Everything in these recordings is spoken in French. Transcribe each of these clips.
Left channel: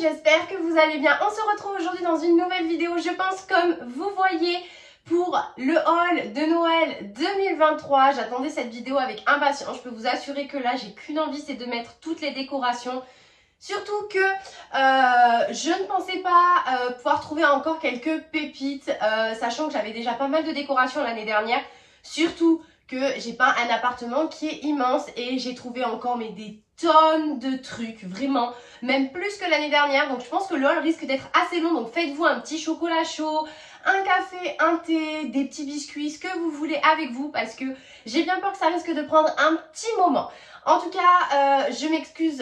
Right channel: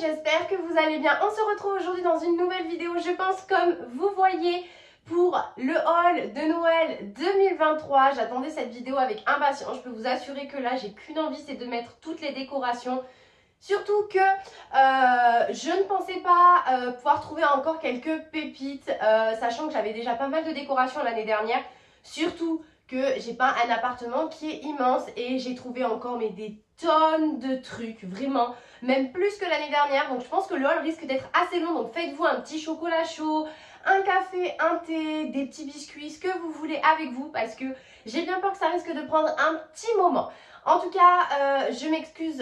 j'espère que vous allez bien. On se retrouve aujourd'hui dans une nouvelle vidéo, je pense comme vous voyez, pour le haul de Noël 2023. J'attendais cette vidéo avec impatience, je peux vous assurer que là j'ai qu'une envie, c'est de mettre toutes les décorations. Surtout que je ne pensais pas pouvoir trouver encore quelques pépites, sachant que j'avais déjà pas mal de décorations l'année dernière. Surtout que j'ai pas un appartement qui est immense et j'ai trouvé encore des tonnes de trucs, vraiment, même plus que l'année dernière. Donc je pense que le haul risque d'être assez long, donc faites-vous un petit chocolat chaud, un café, un thé, des petits biscuits, ce que vous voulez avec vous, parce que j'ai bien peur que ça risque de prendre un petit moment. En tout cas, je m'excuse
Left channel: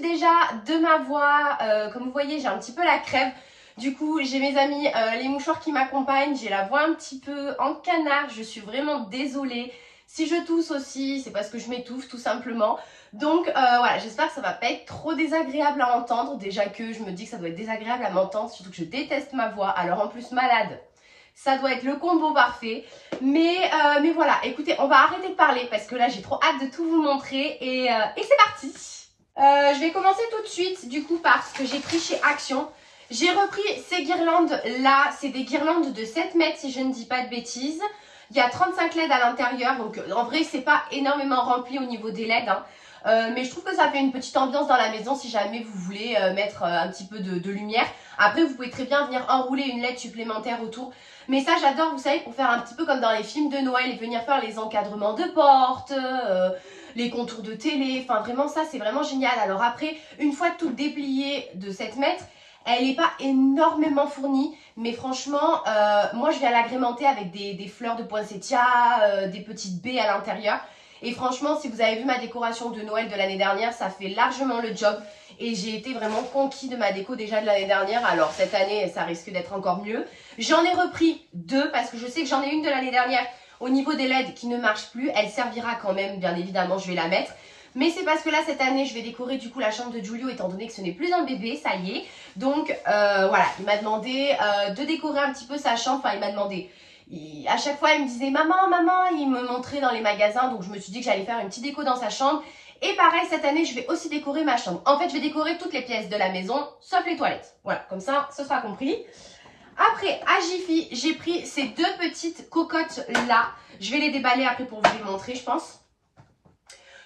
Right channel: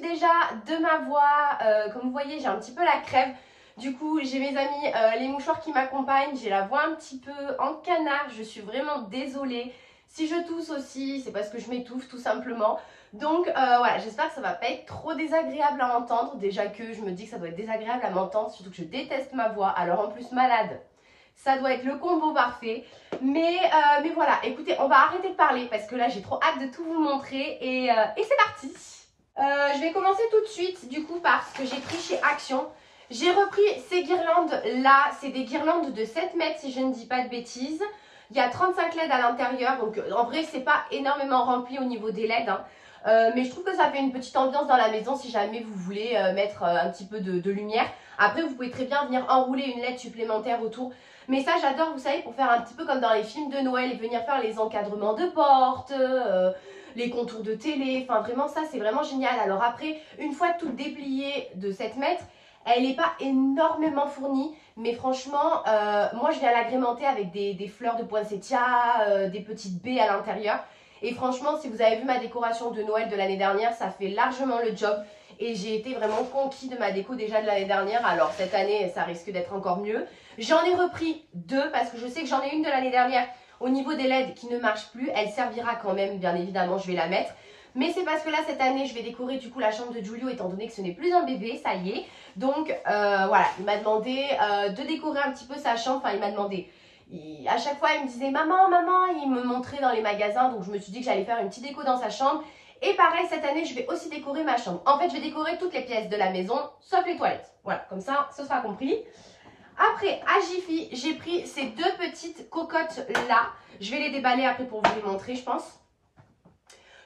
déjà de ma voix. Comme vous voyez, j'ai un petit peu la crève. Du coup, j'ai mes amis, les mouchoirs qui m'accompagnent. J'ai la voix un petit peu en canard. Je suis vraiment désolée. Si je tousse aussi, c'est parce que je m'étouffe tout simplement. Donc voilà, j'espère que ça va pas être trop désagréable à entendre. Déjà que je me dis que ça doit être désagréable à m'entendre, surtout que je déteste ma voix. Alors en plus malade, ça doit être le combo parfait. Mais voilà, écoutez, on va arrêter de parler parce que là j'ai trop hâte de tout vous montrer et c'est parti. Je vais commencer tout de suite du coup par ce que j'ai pris chez Action. J'ai repris ces guirlandes là, c'est des guirlandes de 7 mètres si je ne dis pas de bêtises. Il y a 35 LED à l'intérieur, donc en vrai c'est pas énormément rempli au niveau des LED, hein. Mais je trouve que ça fait une petite ambiance dans la maison si jamais vous voulez mettre un petit peu de lumière. Après vous pouvez très bien venir enrouler une LED supplémentaire autour. Mais ça j'adore, vous savez, pour faire un petit peu comme dans les films de Noël et venir faire les encadrements de portes, les contours de télé. Enfin vraiment ça c'est vraiment génial. Alors après, une fois toute dépliée de 7 mètres, elle n'est pas énormément fournie, mais franchement, moi je viens l'agrémenter avec des fleurs de poinsettia, des petites baies à l'intérieur. Et franchement, si vous avez vu ma décoration de Noël de l'année dernière, ça fait largement le job. Et j'ai été vraiment conquis de ma déco déjà de l'année dernière. Alors cette année, ça risque d'être encore mieux. J'en ai repris 2 parce que je sais que j'en ai une de l'année dernière au niveau des LED qui ne marche plus. Elle servira quand même, bien évidemment, je vais la mettre. Mais c'est parce que là, cette année, je vais décorer du coup la chambre de Giulio étant donné que ce n'est plus un bébé, ça y est. Donc voilà, il m'a demandé de décorer un petit peu sa chambre. Enfin, il m'a demandé, à chaque fois, il me disait « Maman, maman », il me montrait dans les magasins. Donc je me suis dit que j'allais faire une petite déco dans sa chambre. Et pareil, cette année, je vais aussi décorer ma chambre. En fait, je vais décorer toutes les pièces de la maison, sauf les toilettes. Voilà, comme ça, ce sera compris. Après, à Jiffy, j'ai pris ces 2 petites cocottes là. Je vais les déballer après pour vous les montrer, je pense.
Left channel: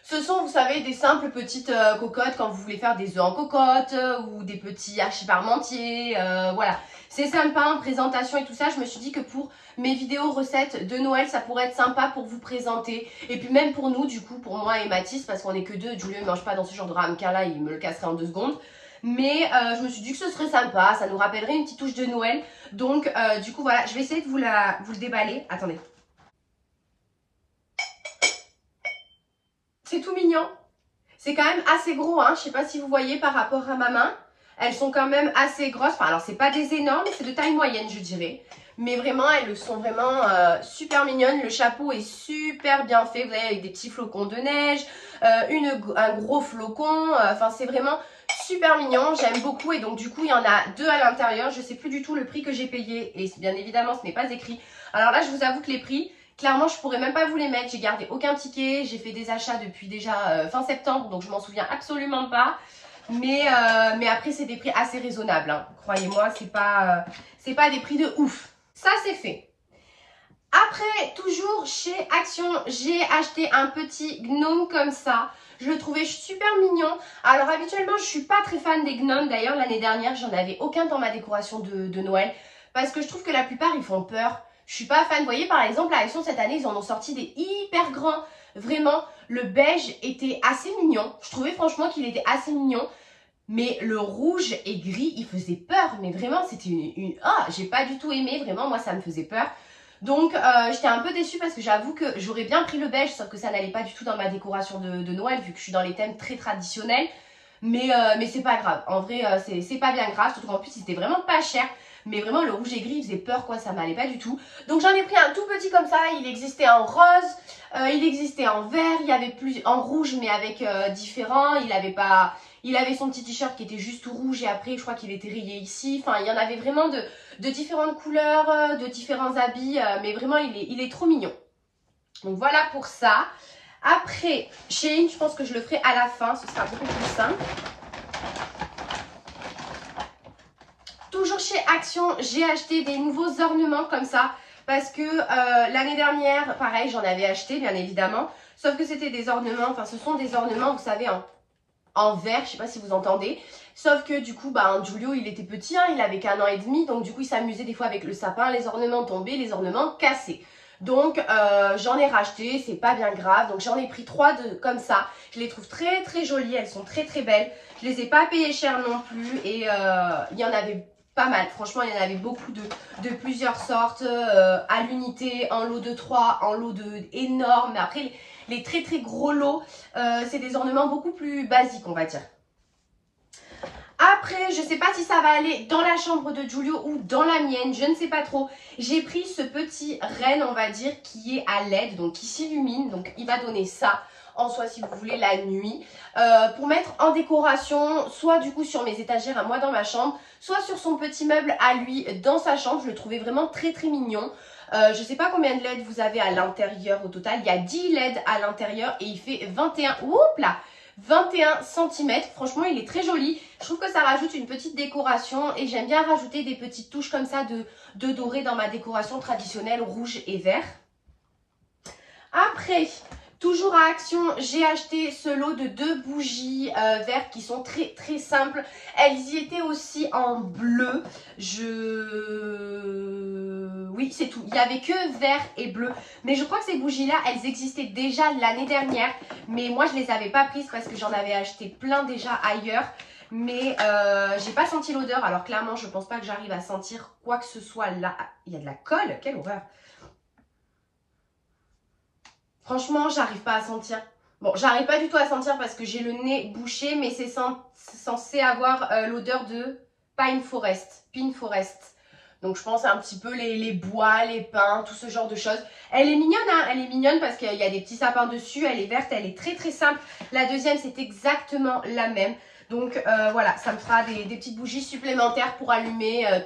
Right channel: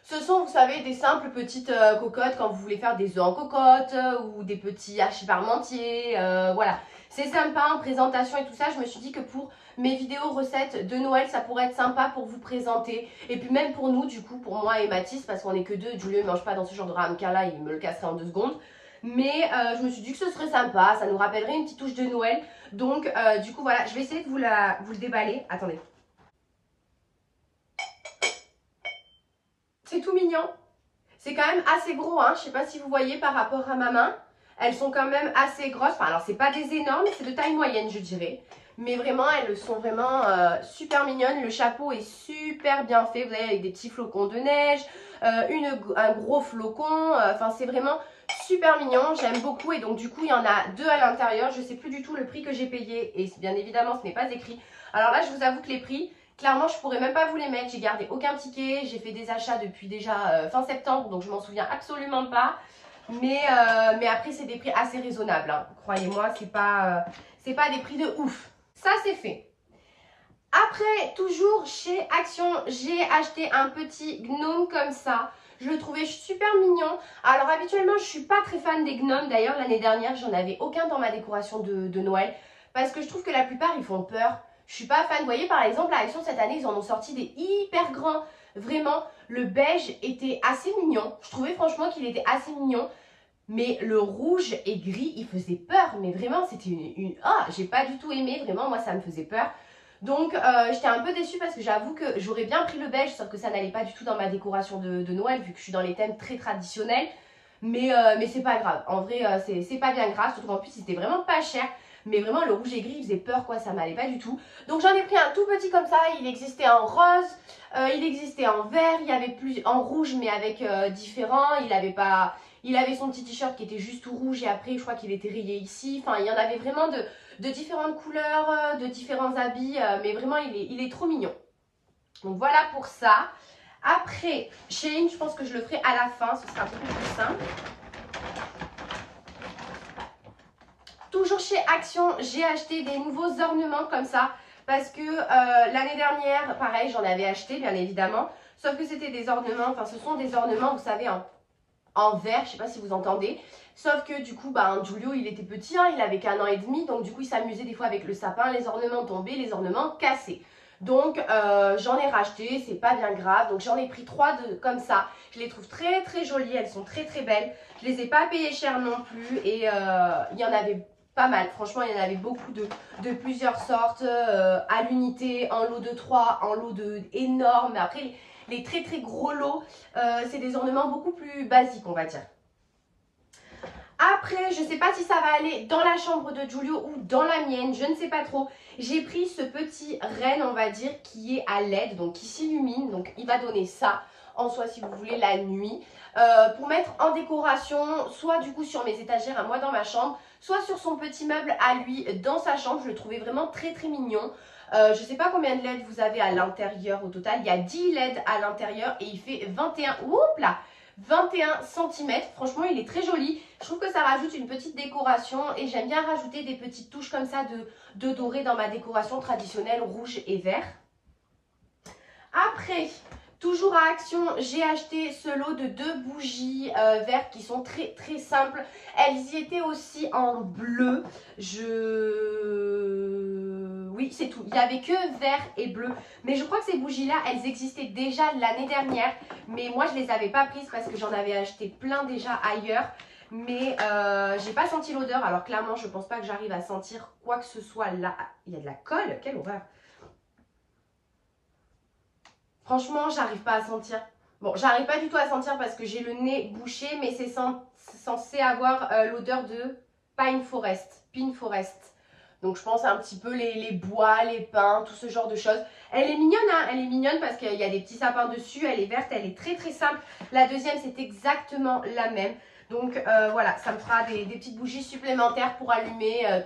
Ce sont, vous savez, des simples petites cocottes quand vous voulez faire des œufs en cocotte ou des petits hachis parmentiers. Voilà, c'est sympa en présentation et tout ça. Je me suis dit que pour mes vidéos recettes de Noël, ça pourrait être sympa pour vous présenter. Et puis même pour nous, du coup, pour moi et Mathis, parce qu'on n'est que 2. Giulio ne mange pas dans ce genre de ramequin là, il me le casserait en 2 secondes. Mais je me suis dit que ce serait sympa, ça nous rappellerait une petite touche de Noël. Donc du coup, voilà, je vais essayer de vous le déballer. Attendez. C'est tout mignon. C'est quand même assez gros, hein. Je sais pas si vous voyez par rapport à ma main. Elles sont quand même assez grosses. Enfin, alors, c'est pas des énormes, c'est de taille moyenne, je dirais. Mais vraiment, elles sont vraiment super mignonnes. Le chapeau est super bien fait. Vous voyez, avec des petits flocons de neige, un gros flocon. Enfin, c'est vraiment super mignon. J'aime beaucoup. Et donc, du coup, il y en a 2 à l'intérieur. Je sais plus du tout le prix que j'ai payé. Et bien évidemment, ce n'est pas écrit. Alors là, je vous avoue que les prix... Clairement, je pourrais même pas vous les mettre. J'ai gardé aucun ticket. J'ai fait des achats depuis déjà fin septembre. Donc, je m'en souviens absolument pas. Mais après, c'est des prix assez raisonnables, hein. Croyez-moi, c'est pas des prix de ouf. Ça, c'est fait. Après, toujours chez Action, j'ai acheté un petit gnome comme ça. Je le trouvais super mignon. Alors, habituellement, je suis pas très fan des gnomes. D'ailleurs, l'année dernière, j'en avais aucun dans ma décoration de Noël. Parce que je trouve que la plupart, ils font peur. Je suis pas fan. Vous voyez, par exemple, à Action, cette année, ils en ont sorti des hyper grands. Vraiment, le beige était assez mignon. Je trouvais franchement qu'il était assez mignon. Mais le rouge et gris, il faisait peur. Mais vraiment, c'était Ah, j'ai pas du tout aimé. Vraiment, moi, ça me faisait peur. Donc, j'étais un peu déçue parce que j'avoue que j'aurais bien pris le beige. Sauf que ça n'allait pas du tout dans ma décoration de Noël, vu que je suis dans les thèmes très traditionnels. Mais c'est pas grave. En vrai, c'est pas bien grave. Surtout qu'en plus, c'était vraiment pas cher. Mais vraiment, le rouge et gris, il faisait peur, quoi. Ça m'allait pas du tout. Donc, j'en ai pris un tout petit comme ça. Il existait en rose, il existait en vert, il y avait plus en rouge, mais avec différents. Il avait son petit t-shirt qui était juste tout rouge et après, je crois qu'il était rayé ici. Enfin, il y en avait vraiment de différentes couleurs, de différents habits. Mais vraiment, il est trop mignon. Donc, voilà pour ça. Après, Shein, je pense que je le ferai à la fin. Ce sera beaucoup plus simple. toujours chez Action, j'ai acheté des nouveaux ornements comme ça. Parce que l'année dernière, pareil, j'en avais acheté bien évidemment. Sauf que c'était des ornements, enfin ce sont des ornements, vous savez, en verre, je ne sais pas si vous entendez. Sauf que du coup, bah, Giulio, il était petit, hein, il avait qu'1 an et demi. Donc du coup, il s'amusait des fois avec le sapin, les ornements tombés, les ornements cassés. Donc j'en ai racheté, c'est pas bien grave. Donc j'en ai pris 3 comme ça. Je les trouve très très jolies, elles sont très très belles. Je les ai pas payées cher non plus. Et il y en avait pas mal. Franchement, il y en avait beaucoup de plusieurs sortes. À l'unité, en lot de 3, en lot de énormes. Mais après, les très très gros lots, c'est des ornements beaucoup plus basiques, on va dire. Après, je ne sais pas si ça va aller dans la chambre de Giulio ou dans la mienne, je ne sais pas trop. J'ai pris ce petit renne, on va dire, qui est à LED, donc qui s'illumine. Donc, il va donner ça en soi, si vous voulez, la nuit. Pour mettre en décoration, soit du coup sur mes étagères à moi dans ma chambre, soit sur son petit meuble à lui dans sa chambre. Je le trouvais vraiment très très mignon. Je ne sais pas combien de LED vous avez à l'intérieur au total. Il y a 10 LED à l'intérieur et il fait 21 cm. Franchement, il est très joli. Je trouve que ça rajoute une petite décoration et j'aime bien rajouter des petites touches comme ça de doré dans ma décoration traditionnelle rouge et vert. Après, toujours à Action, j'ai acheté ce lot de 2 bougies vertes qui sont très très simples. Elles y étaient aussi en bleu. Oui, c'est tout. Il n'y avait que vert et bleu. Mais je crois que ces bougies-là, elles existaient déjà l'année dernière. Mais moi, je ne les avais pas prises parce que j'en avais acheté plein déjà ailleurs. Mais j'ai pas senti l'odeur. Alors clairement, je pense pas que j'arrive à sentir quoi que ce soit là. Il y a de la colle. Quelle horreur. Franchement, j'arrive pas à sentir. Bon, j'arrive pas du tout à sentir parce que j'ai le nez bouché. Mais c'est censé avoir l'odeur de Pine Forest. Donc je pense un petit peu les bois, les pins, tout ce genre de choses. Elle est mignonne, hein, elle est mignonne parce qu'il y a des petits sapins dessus. Elle est verte, elle est très très simple. La deuxième, c'est exactement la même. Donc voilà, ça me fera des petites bougies supplémentaires pour allumer pas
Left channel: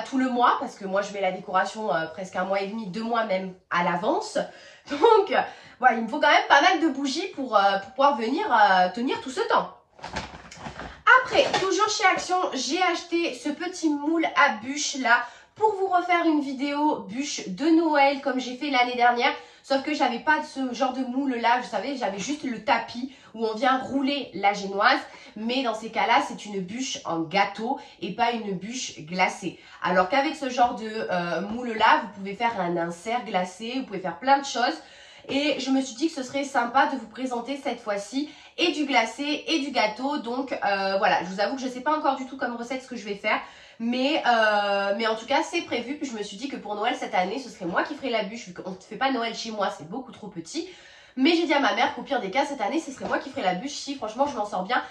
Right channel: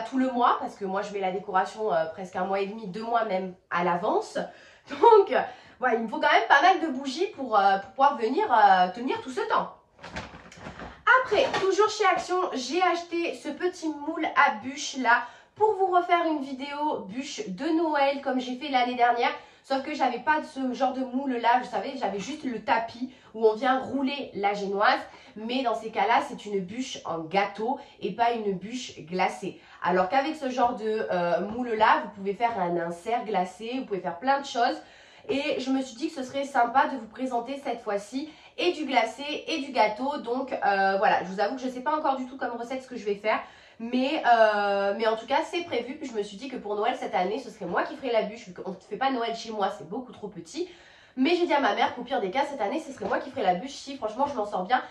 tout le mois. Parce que moi, je mets la décoration presque 1 mois et demi, 2 mois même à l'avance. Donc voilà, il me faut quand même pas mal de bougies pour pouvoir venir tenir tout ce temps. Après, toujours chez Action, j'ai acheté ce petit moule à bûches là pour vous refaire une vidéo bûche de Noël comme j'ai fait l'année dernière. Sauf que j'avais pas ce genre de moule là, vous savez, j'avais juste le tapis où on vient rouler la génoise. Mais dans ces cas-là, c'est une bûche en gâteau et pas une bûche glacée. Alors qu'avec ce genre de moule là, vous pouvez faire un insert glacé, vous pouvez faire plein de choses. Et je me suis dit que ce serait sympa de vous présenter cette fois-ci et du glacé et du gâteau. Donc voilà, je vous avoue que je ne sais pas encore du tout comme recette ce que je vais faire. Mais en tout cas, c'est prévu. Puis je me suis dit que pour Noël cette année, ce serait moi qui ferais la bûche. Vu qu'on ne fait pas Noël chez moi, c'est beaucoup trop petit. Mais j'ai dit à ma mère qu'au pire des cas, cette année, ce serait moi qui ferais la bûche. Si franchement, je m'en sors bien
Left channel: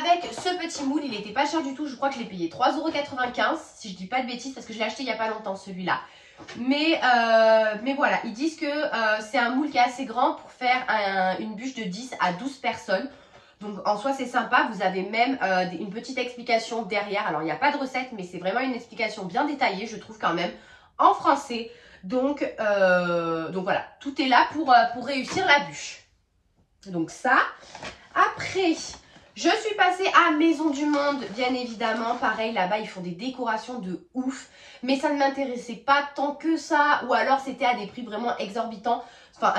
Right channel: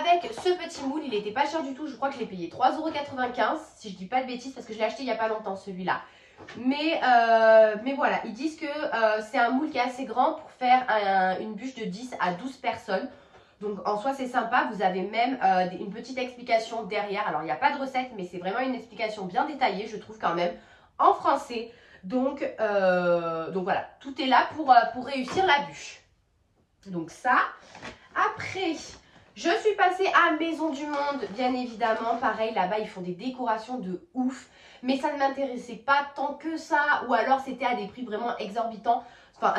avec ce petit moule. Il n'était pas cher du tout. Je crois que je l'ai payé 3,95 €. Si je dis pas de bêtises, parce que je l'ai acheté il n'y a pas longtemps celui-là. Mais voilà, ils disent que c'est un moule qui est assez grand pour faire une bûche de 10 à 12 personnes. Donc en soi c'est sympa, vous avez même une petite explication derrière. Alors il n'y a pas de recette mais c'est vraiment une explication bien détaillée je trouve quand même en français. Donc voilà, tout est là pour réussir la bûche. Donc ça, après... Je suis passée à Maison du Monde, bien évidemment. Pareil, là-bas, ils font des décorations de ouf. Mais ça ne m'intéressait pas tant que ça. Ou alors, c'était à des prix vraiment exorbitants. Enfin,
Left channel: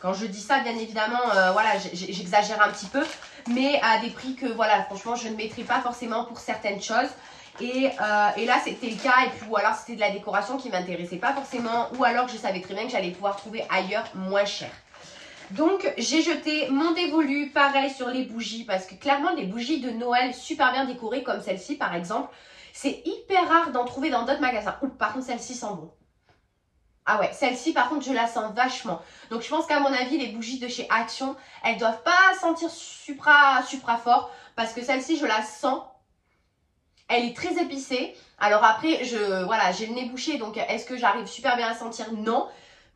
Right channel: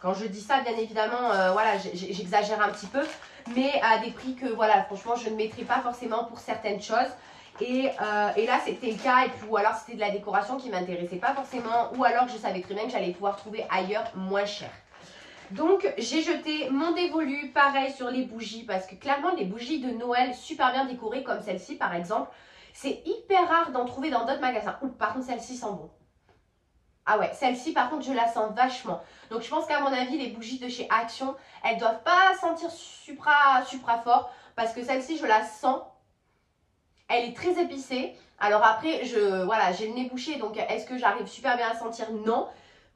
quand je dis ça, bien évidemment, voilà, j'exagère un petit peu. Mais à des prix que, voilà, franchement, je ne mettrais pas forcément pour certaines choses. Et là, c'était le cas. Et puis, ou alors, c'était de la décoration qui ne m'intéressait pas forcément. Ou alors, je savais très bien que j'allais pouvoir trouver ailleurs moins cher. Donc, j'ai jeté mon dévolu, pareil sur les bougies, parce que clairement, les bougies de Noël super bien décorées, comme celle-ci par exemple, c'est hyper rare d'en trouver dans d'autres magasins. Ouh, par contre, celle-ci sent bon. Ah ouais, celle-ci par contre, je la sens vachement. Donc, je pense qu'à mon avis, les bougies de chez Action, elles ne doivent pas sentir supra fort, parce que celle-ci, je la sens. Elle est très épicée. Alors après, voilà, j'ai le nez bouché, donc est-ce que j'arrive super bien à sentir? Non.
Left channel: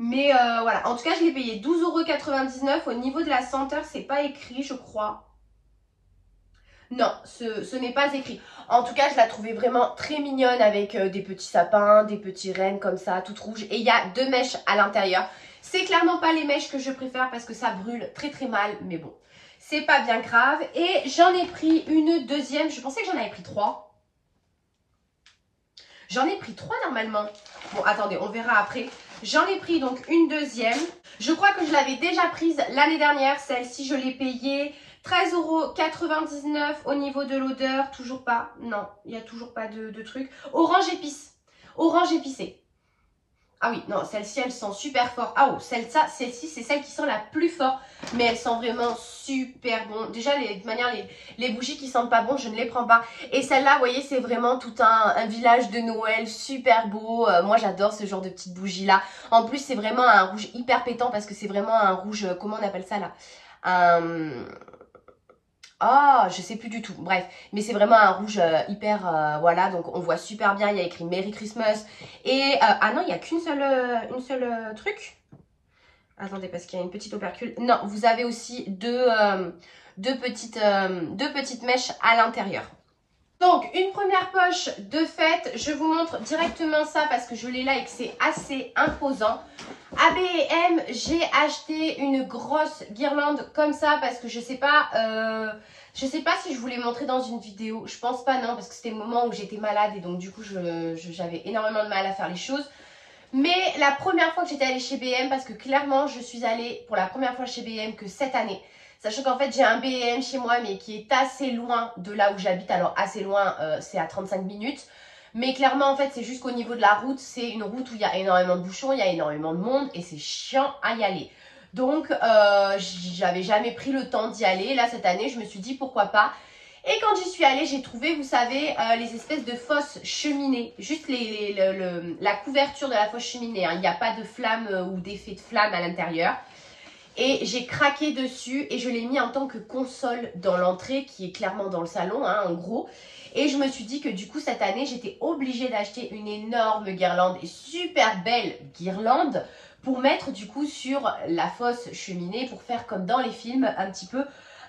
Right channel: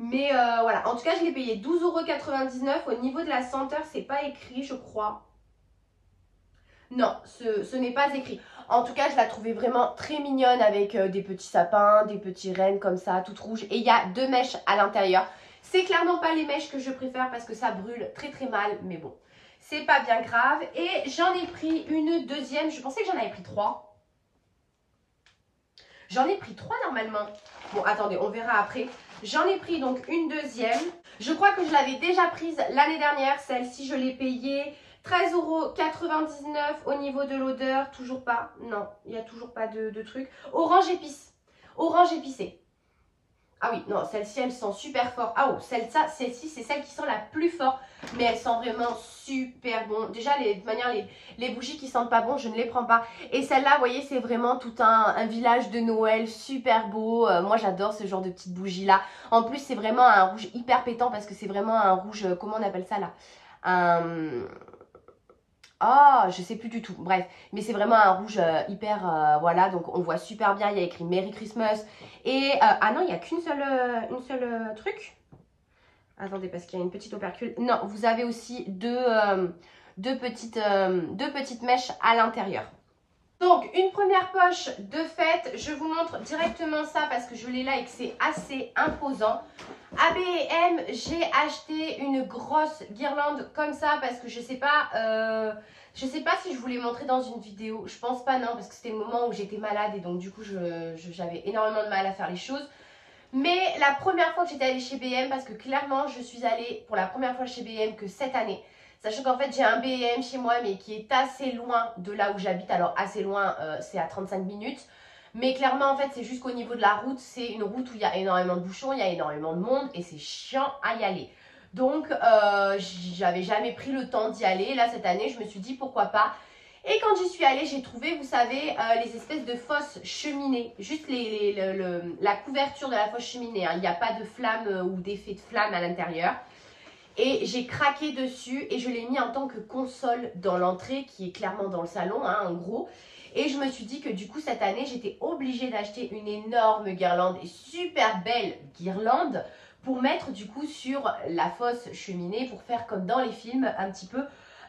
Mais voilà, en tout cas, je l'ai payé 12,99 €. Au niveau de la senteur, c'est pas écrit, je crois. Non, ce n'est pas écrit. En tout cas, je la trouvais vraiment très mignonne avec des petits sapins, des petits rennes comme ça, toutes rouges. Et il y a 2 mèches à l'intérieur. C'est clairement pas les mèches que je préfère parce que ça brûle très très mal, mais bon, c'est pas bien grave. Et j'en ai pris une deuxième, je pensais que j'en avais pris 3. J'en ai pris 3 normalement. Bon, attendez, on verra après. J'en ai pris donc une deuxième. Je crois que je l'avais déjà prise l'année dernière. Celle-ci, je l'ai payée 13,99 € au niveau de l'odeur. Toujours pas. Non, il n'y a toujours pas de truc. Orange épice. Orange épicé. Ah oui, non, celle-ci, elle sent super fort. Ah oh, celle-ci, c'est celle qui sent la plus fort. Mais elle sent vraiment super bon. Déjà, de toute manière, les bougies qui sentent pas bon, je ne les prends pas. Et celle-là, vous voyez, c'est vraiment tout un village de Noël super beau. Moi, j'adore ce genre de petites bougies-là. En plus, c'est vraiment un rouge hyper pétant parce que c'est vraiment un rouge, comment on appelle ça là? Ah, je sais plus du tout. Bref, mais c'est vraiment un rouge hyper, voilà, donc on voit super bien. Il y a écrit Merry Christmas. Et, ah non, il n'y a qu'une seule truc. Attendez, parce qu'il y a une petite opercule. Non, vous avez aussi deux petites mèches à l'intérieur. Donc, une première poche de fête. Je vous montre directement ça parce que je l'ai là et que c'est assez imposant. À B&M, j'ai acheté une grosse guirlande comme ça parce que je sais pas si je vous l'ai montré dans une vidéo. Je pense pas, non, parce que c'était le moment où j'étais malade et donc du coup, j'avais énormément de mal à faire les choses. Mais la première fois que j'étais allée chez B&M, parce que clairement, je suis allée pour la première fois chez B&M que cette année. Sachant qu'en fait, j'ai un B&M chez moi, mais qui est assez loin de là où j'habite. Alors, assez loin, c'est à 35 minutes. Mais clairement, en fait, c'est juste qu'au niveau de la route, c'est une route où il y a énormément de bouchons, il y a énormément de monde et c'est chiant à y aller. Donc, j'avais jamais pris le temps d'y aller. Là, cette année, je me suis dit pourquoi pas. Et quand j'y suis allée, j'ai trouvé, vous savez, les espèces de fosses cheminées. Juste la couverture de la fosse cheminée. Hein. Il n'y a pas de flamme ou d'effet de flamme à l'intérieur. Et j'ai craqué dessus et je l'ai mis en tant que console dans l'entrée qui est clairement dans le salon, hein, en gros. Et je me suis dit que du coup, cette année, j'étais obligée d'acheter une énorme guirlande et super belle guirlande pour mettre du coup sur la fosse cheminée pour faire comme dans les films un petit peu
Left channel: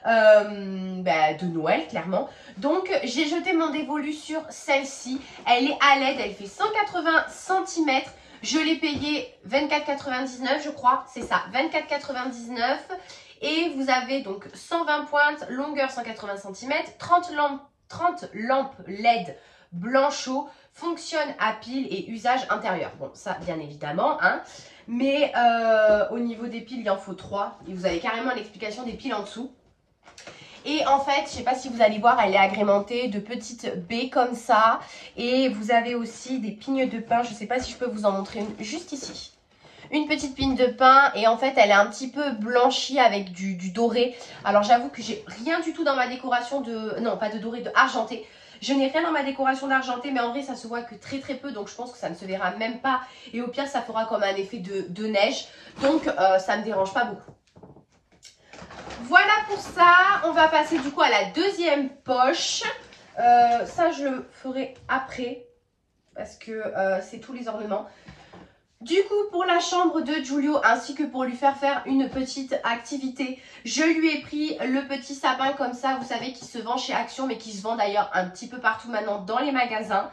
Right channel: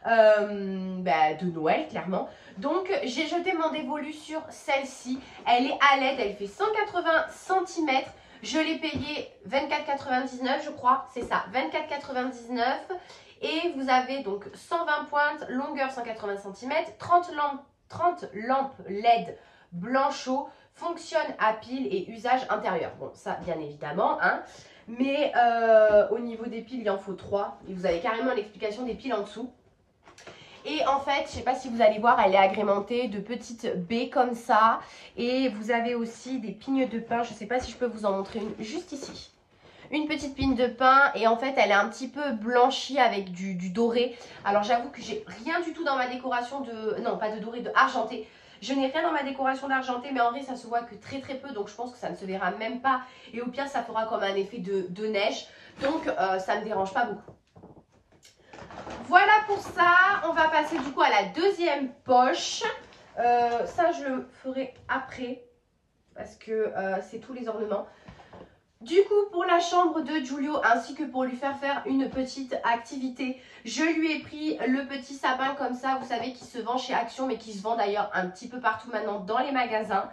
de Noël, clairement. Donc, j'ai jeté mon dévolu sur celle-ci. Elle est à LED, elle fait 180 cm. Je l'ai payé 24,99 je crois, c'est ça, 24,99 et vous avez donc 120 pointes, longueur 180 cm, 30 lampes LED blanchot, fonctionne à pile et usage intérieur. Bon, ça bien évidemment, hein, mais au niveau des piles, il en faut 3 et vous avez carrément l'explication des piles en dessous. Et en fait, je ne sais pas si vous allez voir, elle est agrémentée de petites baies comme ça. Et vous avez aussi des pignes de pain. Je ne sais pas si je peux vous en montrer une juste ici. Une petite pigne de pain. Et en fait, elle est un petit peu blanchie avec du doré. Alors, j'avoue que j'ai rien du tout dans ma décoration de... Non, pas de doré, de argenté. Je n'ai rien dans ma décoration d'argenté, mais en vrai, ça se voit que très très peu. Donc, je pense que ça ne se verra même pas. Et au pire, ça fera comme un effet de neige. Donc, ça ne me dérange pas beaucoup. Voilà pour ça, on va passer du coup à la deuxième poche. Ça, je le ferai après parce que c'est tous les ornements. Du coup, pour la chambre de Giulio ainsi que pour lui faire une petite activité, je lui ai pris le petit sapin comme ça, vous savez, qui se vend chez Action mais qui se vend d'ailleurs un petit peu partout maintenant dans les magasins.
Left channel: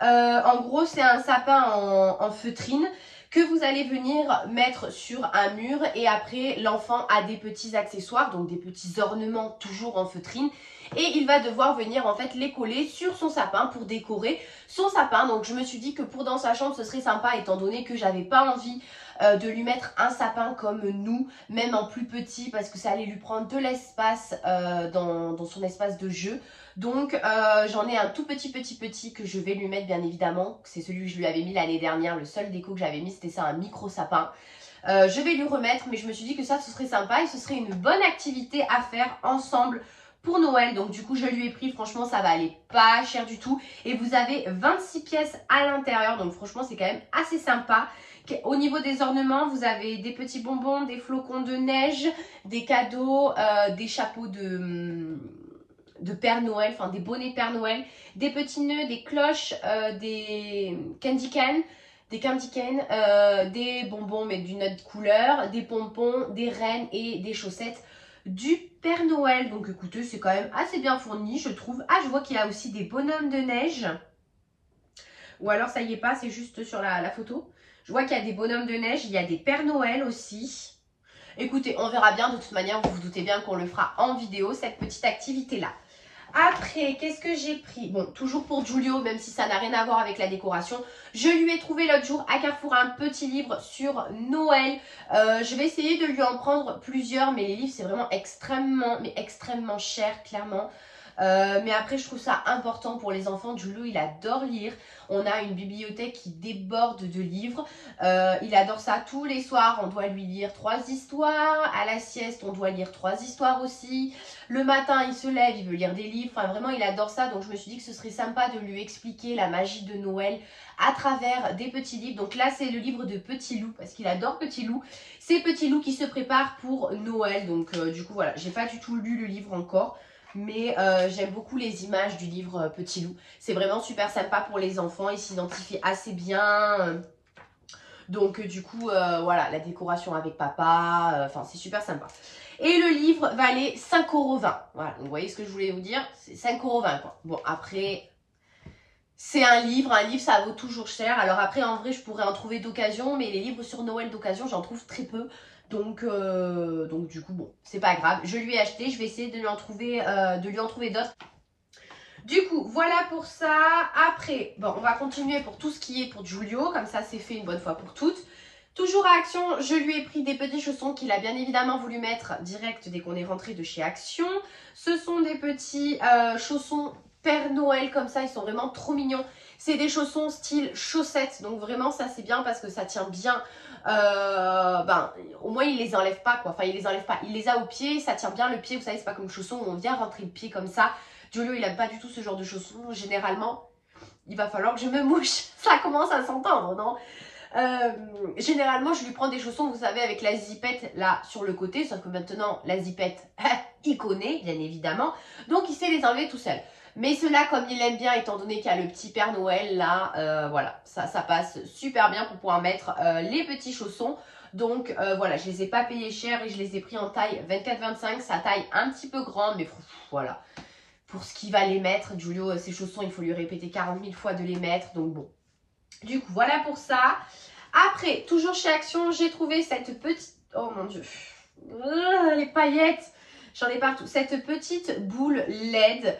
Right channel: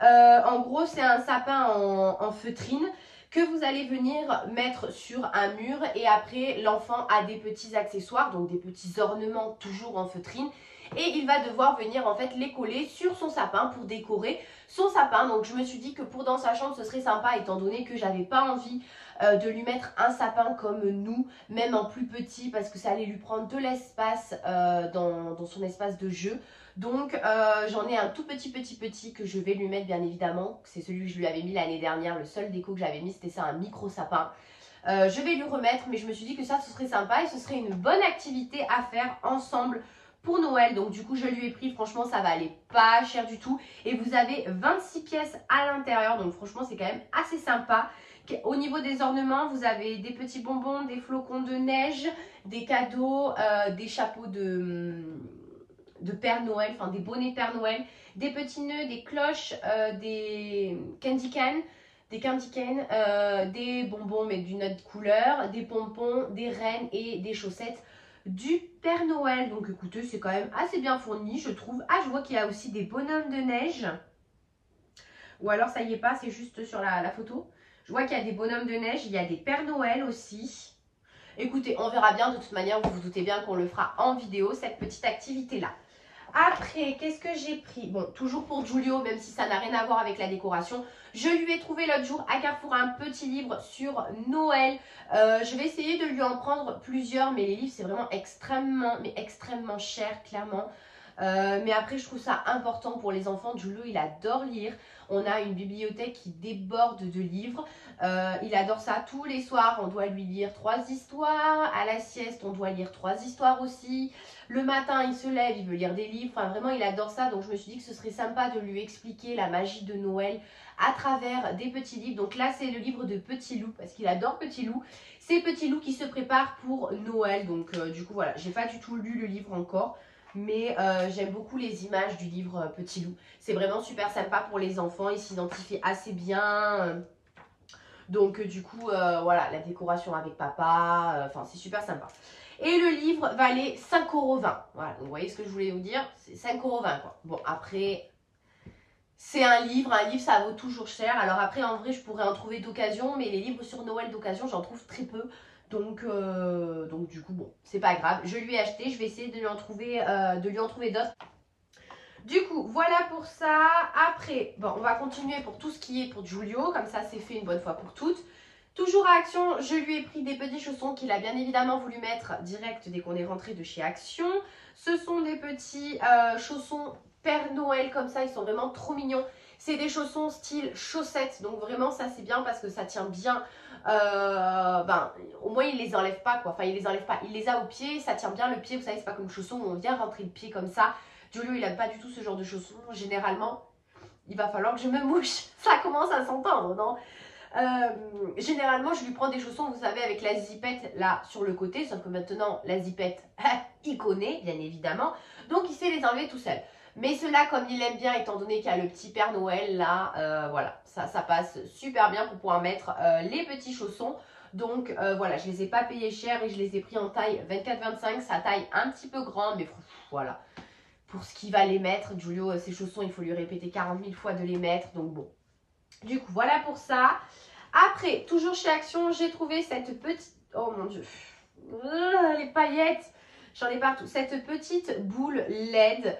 En gros, c'est un sapin en feutrine que vous allez venir mettre sur un mur et après l'enfant a des petits accessoires, donc des petits ornements toujours en feutrine et il va devoir venir en fait les coller sur son sapin pour décorer son sapin. Donc je me suis dit que pour dans sa chambre ce serait sympa étant donné que j'avais pas envie de lui mettre un sapin comme nous, même en plus petit parce que ça allait lui prendre de l'espace dans son espace de jeu. Donc j'en ai un tout petit que je vais lui mettre bien évidemment. C'est celui que je lui avais mis l'année dernière. Le seul déco que j'avais mis c'était ça, un micro sapin. Je vais lui remettre mais je me suis dit que ça ce serait sympa et ce serait une bonne activité à faire ensemble pour Noël. Donc du coup je lui ai pris, franchement ça va aller pas cher du tout. Et vous avez 26 pièces à l'intérieur donc franchement c'est quand même assez sympa. Au niveau des ornements, vous avez des petits bonbons, des flocons de neige, des cadeaux, des chapeaux de Père Noël, enfin des bonnets Père Noël, des petits nœuds, des cloches, des candy can, des bonbons mais d'une autre couleur, des pompons, des rennes et des chaussettes du Père Noël. Donc écoutez, c'est quand même assez bien fourni, je trouve. Ah, je vois qu'il y a aussi des bonhommes de neige. Ou alors ça y est pas, c'est juste sur la photo. Je vois qu'il y a des bonhommes de neige, il y a des Pères Noël aussi. Écoutez, on verra bien. De toute manière, vous vous doutez bien qu'on le fera en vidéo, cette petite activité-là. Après, qu'est-ce que j'ai pris? Bon, toujours pour Giulio, même si ça n'a rien à voir avec la décoration. Je lui ai trouvé l'autre jour à Carrefour un petit livre sur Noël. Je vais essayer de lui en prendre plusieurs, mais les livres, c'est vraiment extrêmement cher, clairement. Mais après, je trouve ça important pour les enfants. Giulio, il adore lire. On a une bibliothèque qui déborde de livres. Il adore ça tous les soirs. On doit lui lire 3 histoires. À la sieste, on doit lire 3 histoires aussi. Le matin, il se lève, il veut lire des livres. Enfin, vraiment, il adore ça. Donc, je me suis dit que ce serait sympa de lui expliquer la magie de Noël à travers des petits livres. Donc là, c'est le livre de Petit Loup parce qu'il adore Petit Loup. C'est Petit Loup qui se prépare pour Noël. Donc, du coup, voilà. J'ai pas du tout lu le livre encore. Mais j'aime beaucoup les images du livre Petit Loup. C'est vraiment super sympa pour les enfants. Ils s'identifient assez bien. Donc du coup, voilà, la décoration avec papa. Enfin, c'est super sympa. Et le livre valait 5,20 €. Voilà, donc vous voyez ce que je voulais vous dire. C'est 5,20 € quoi. Bon, après, c'est un livre. Un livre, ça vaut toujours cher. Alors après, en vrai, je pourrais en trouver d'occasion. Mais les livres sur Noël d'occasion, j'en trouve très peu. Donc du coup, bon, c'est pas grave. Je lui ai acheté, je vais essayer de lui en trouver d'autres. Du coup, voilà pour ça. Après, bon, on va continuer pour tout ce qui est pour Giulio. Comme ça, c'est fait une bonne fois pour toutes. Toujours à Action, je lui ai pris des petits chaussons qu'il a bien évidemment voulu mettre direct dès qu'on est rentré de chez Action. Ce sont des petits chaussons Père Noël comme ça, ils sont vraiment trop mignons. C'est des chaussons style chaussettes, donc vraiment ça c'est bien parce que ça tient bien. Au moins il les enlève pas quoi, enfin il les enlève pas, il les a au pied, ça tient bien le pied, vous savez c'est pas comme chaussons où on vient rentrer le pied comme ça. Giulio il aime pas du tout ce genre de chaussons, généralement il va falloir que je me mouche, ça commence à s'entendre non? Généralement je lui prends des chaussons vous savez avec la zipette là sur le côté, sauf que maintenant la zipette il connaît bien évidemment, donc il sait les enlever tout seul. Mais ceux-là, comme il aime bien, étant donné qu'il y a le petit Père Noël, là, voilà, ça passe super bien pour pouvoir mettre les petits chaussons. Donc, voilà, je les ai pas payés cher et je les ai pris en taille 24-25. Ça taille un petit peu grand, mais voilà. Pour ce qu'il va les mettre, Giulio, ses chaussons, il faut lui répéter 40 000 fois de les mettre. Donc, bon. Du coup, voilà pour ça. Après, toujours chez Action, j'ai trouvé cette petite... Oh, mon Dieu. Les paillettes. J'en ai partout. Cette petite boule LED.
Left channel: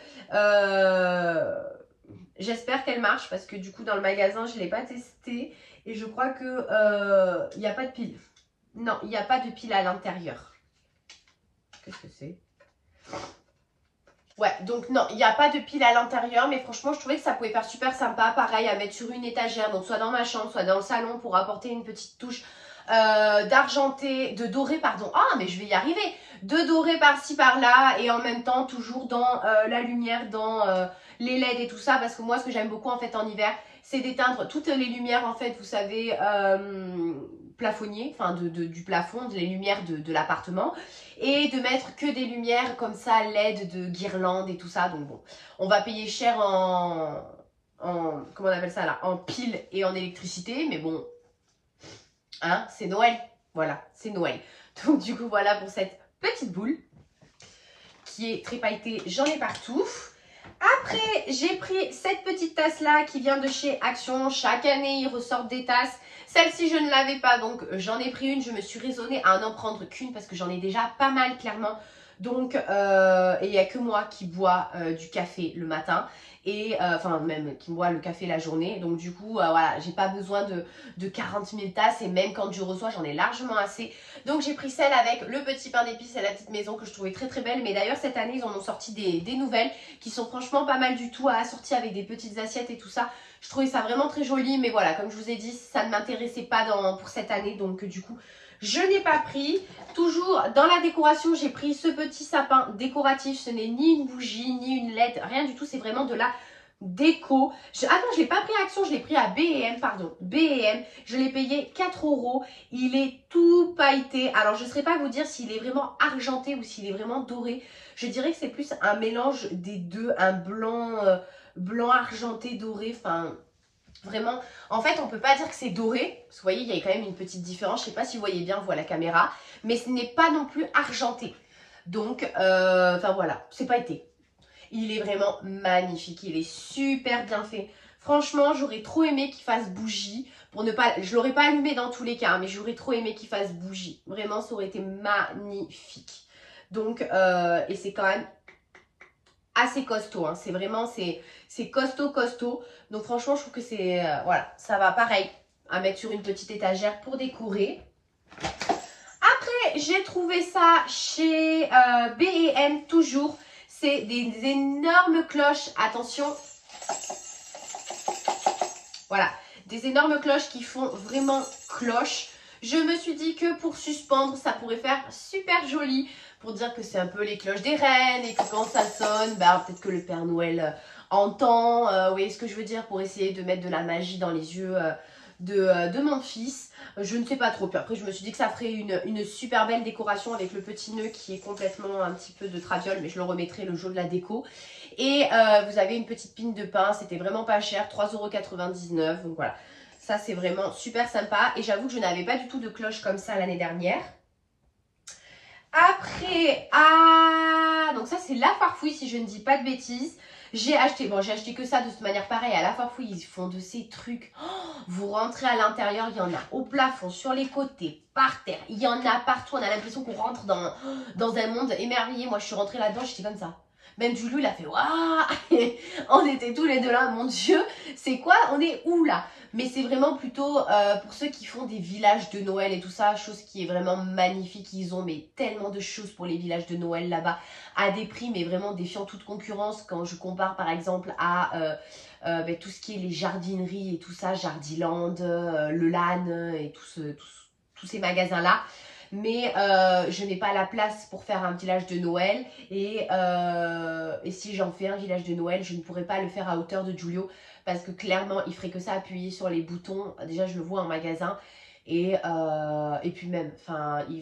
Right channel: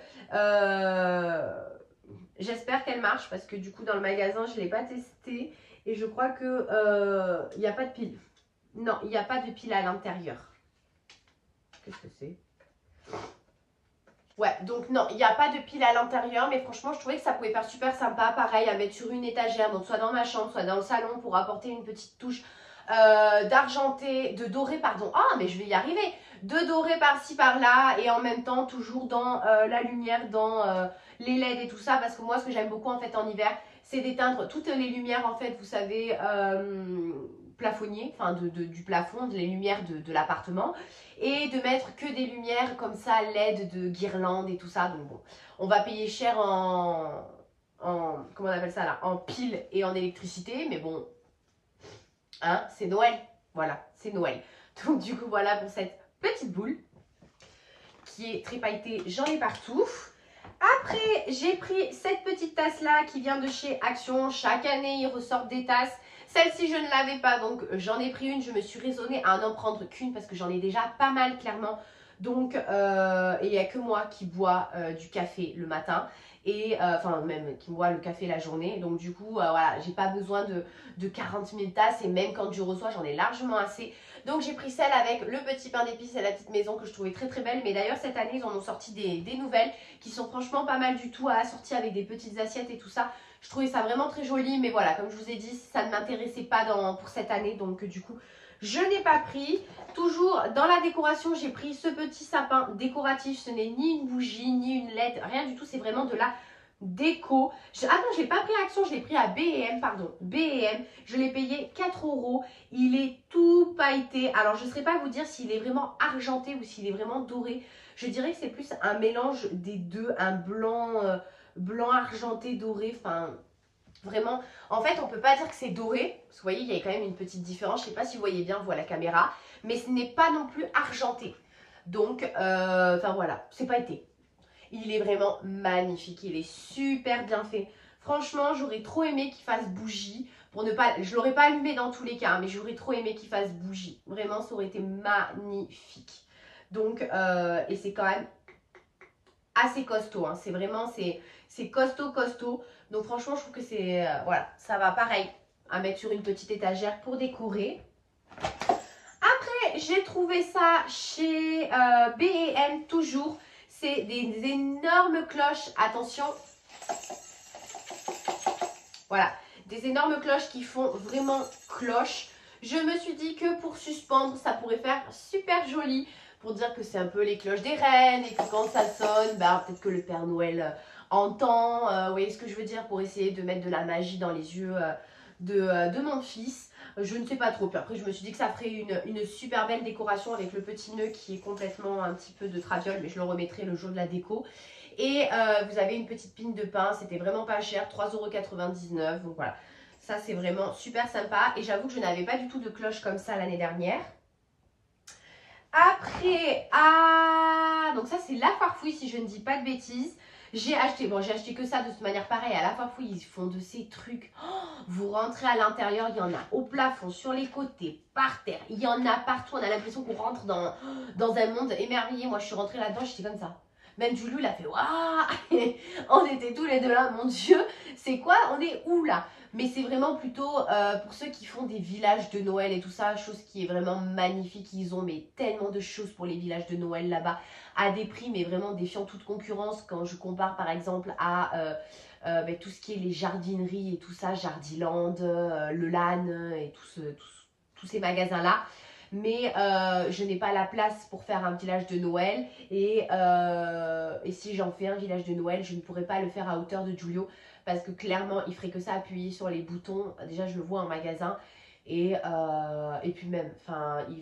J'espère qu'elle marche parce que du coup dans le magasin je ne l'ai pas testé et je crois que il n'y a pas de pile. Non, il n'y a pas de pile à l'intérieur. Qu'est-ce que c'est? Ouais, donc non, il n'y a pas de pile à l'intérieur, mais franchement je trouvais que ça pouvait faire super sympa, pareil à mettre sur une étagère, donc soit dans ma chambre, soit dans le salon pour apporter une petite touche de doré, pardon. Ah, mais je vais y arriver. De doré par-ci par-là et en même temps toujours dans la lumière, dans les LED et tout ça, parce que moi ce que j'aime beaucoup en fait en hiver, c'est d'éteindre toutes les lumières en fait, vous savez, plafonnier, enfin du plafond, les lumières de l'appartement et de mettre que des lumières comme ça LED de guirlandes et tout ça. Donc bon, on va payer cher comment on appelle ça là, en pile et en électricité, mais bon, hein, c'est Noël, voilà, c'est Noël. Donc du coup voilà pour cette petite boule qui est très pailletée, j'en ai partout. Après, j'ai pris cette petite tasse-là qui vient de chez Action. Chaque année, ils ressortent des tasses. Celle-ci, je ne l'avais pas, donc j'en ai pris une. Je me suis raisonnée à n'en prendre qu'une parce que j'en ai déjà pas mal, clairement. Donc, il n'y a que moi qui bois du café le matin. Et enfin, même qui boit le café la journée. Donc, du coup, voilà, j'ai pas besoin de 40 000 tasses. Et même quand je reçois, j'en ai largement assez. Donc, j'ai pris celle avec le petit pain d'épices et la petite maison que je trouvais très très belle. Mais d'ailleurs, cette année, ils en ont sorti des nouvelles qui sont franchement pas mal du tout à assortir avec des petites assiettes et tout ça. Je trouvais ça vraiment très joli, mais voilà, comme je vous ai dit, ça ne m'intéressait pas pour cette année, donc du coup, je n'ai pas pris. Toujours dans la décoration, j'ai pris ce petit sapin décoratif. Ce n'est ni une bougie, ni une LED, rien du tout, c'est vraiment de la déco. Ah non, je ne l'ai pas pris à Action, je l'ai pris à B&M, pardon, B&M. Je l'ai payé 4 €. Il est tout pailleté. Alors, je ne saurais pas vous dire s'il est vraiment argenté ou s'il est vraiment doré. Je dirais que c'est plus un mélange des deux, un blanc argenté doré, enfin vraiment, en fait on peut pas dire que c'est doré, parce que vous voyez il y a quand même une petite différence, je sais pas si vous voyez bien, vous à la caméra, mais ce n'est pas non plus argenté, donc enfin voilà, c'est pas été. Il est vraiment magnifique, il est super bien fait. Franchement, j'aurais trop aimé qu'il fasse bougie pour ne pas, je l'aurais pas allumé dans tous les cas, hein, mais j'aurais trop aimé qu'il fasse bougie. Vraiment, ça aurait été magnifique. Donc, et c'est quand même assez costaud, hein. C'est vraiment, c'est costaud. Donc franchement, je trouve que c'est, voilà, ça va pareil à mettre sur une petite étagère pour décorer. Après, j'ai trouvé ça chez B&M toujours. C'est des énormes cloches, attention. Voilà, des énormes cloches qui font vraiment cloche. Je me suis dit que pour suspendre, ça pourrait faire super joli. Pour dire que c'est un peu les cloches des reines et que quand ça sonne, bah, peut-être que le Père Noël entend. Vous voyez ce que je veux dire? Pour essayer de mettre de la magie dans les yeux de mon fils. Je ne sais pas trop. Puis après, je me suis dit que ça ferait une super belle décoration avec le petit nœud qui est complètement un petit peu de traviole. Mais je le remettrai le jour de la déco. Et vous avez une petite pine de pain. C'était vraiment pas cher. 3,99 €. Donc voilà. Ça, c'est vraiment super sympa. Et j'avoue que je n'avais pas du tout de cloche comme ça l'année dernière. Après, donc ça c'est la Farfouille si je ne dis pas de bêtises. J'ai acheté que ça de toute manière pareil. À la Farfouille, ils font de ces trucs. Oh, vous rentrez à l'intérieur, il y en a au plafond, sur les côtés, par terre. Il y en a partout. On a l'impression qu'on rentre dans un monde émerveillé. Moi, je suis rentrée là-dedans, j'étais comme ça. Même Julie, il a fait waouh. On était tous les deux là, mon Dieu. C'est quoi? On est où là? Mais c'est vraiment plutôt pour ceux qui font des villages de Noël et tout ça, chose qui est vraiment magnifique. Ils ont mais tellement de choses pour les villages de Noël là-bas, à des prix mais vraiment défiant toute concurrence. Quand je compare par exemple à tout ce qui est les jardineries et tout ça, Jardiland, le LAN et tous ces magasins-là. Mais je n'ai pas la place pour faire un village de Noël. Et si j'en fais un village de Noël, je ne pourrais pas le faire à hauteur de Giulio. Parce que clairement, il ferait que ça, appuyer sur les boutons. Déjà, je le vois en magasin. Et puis même,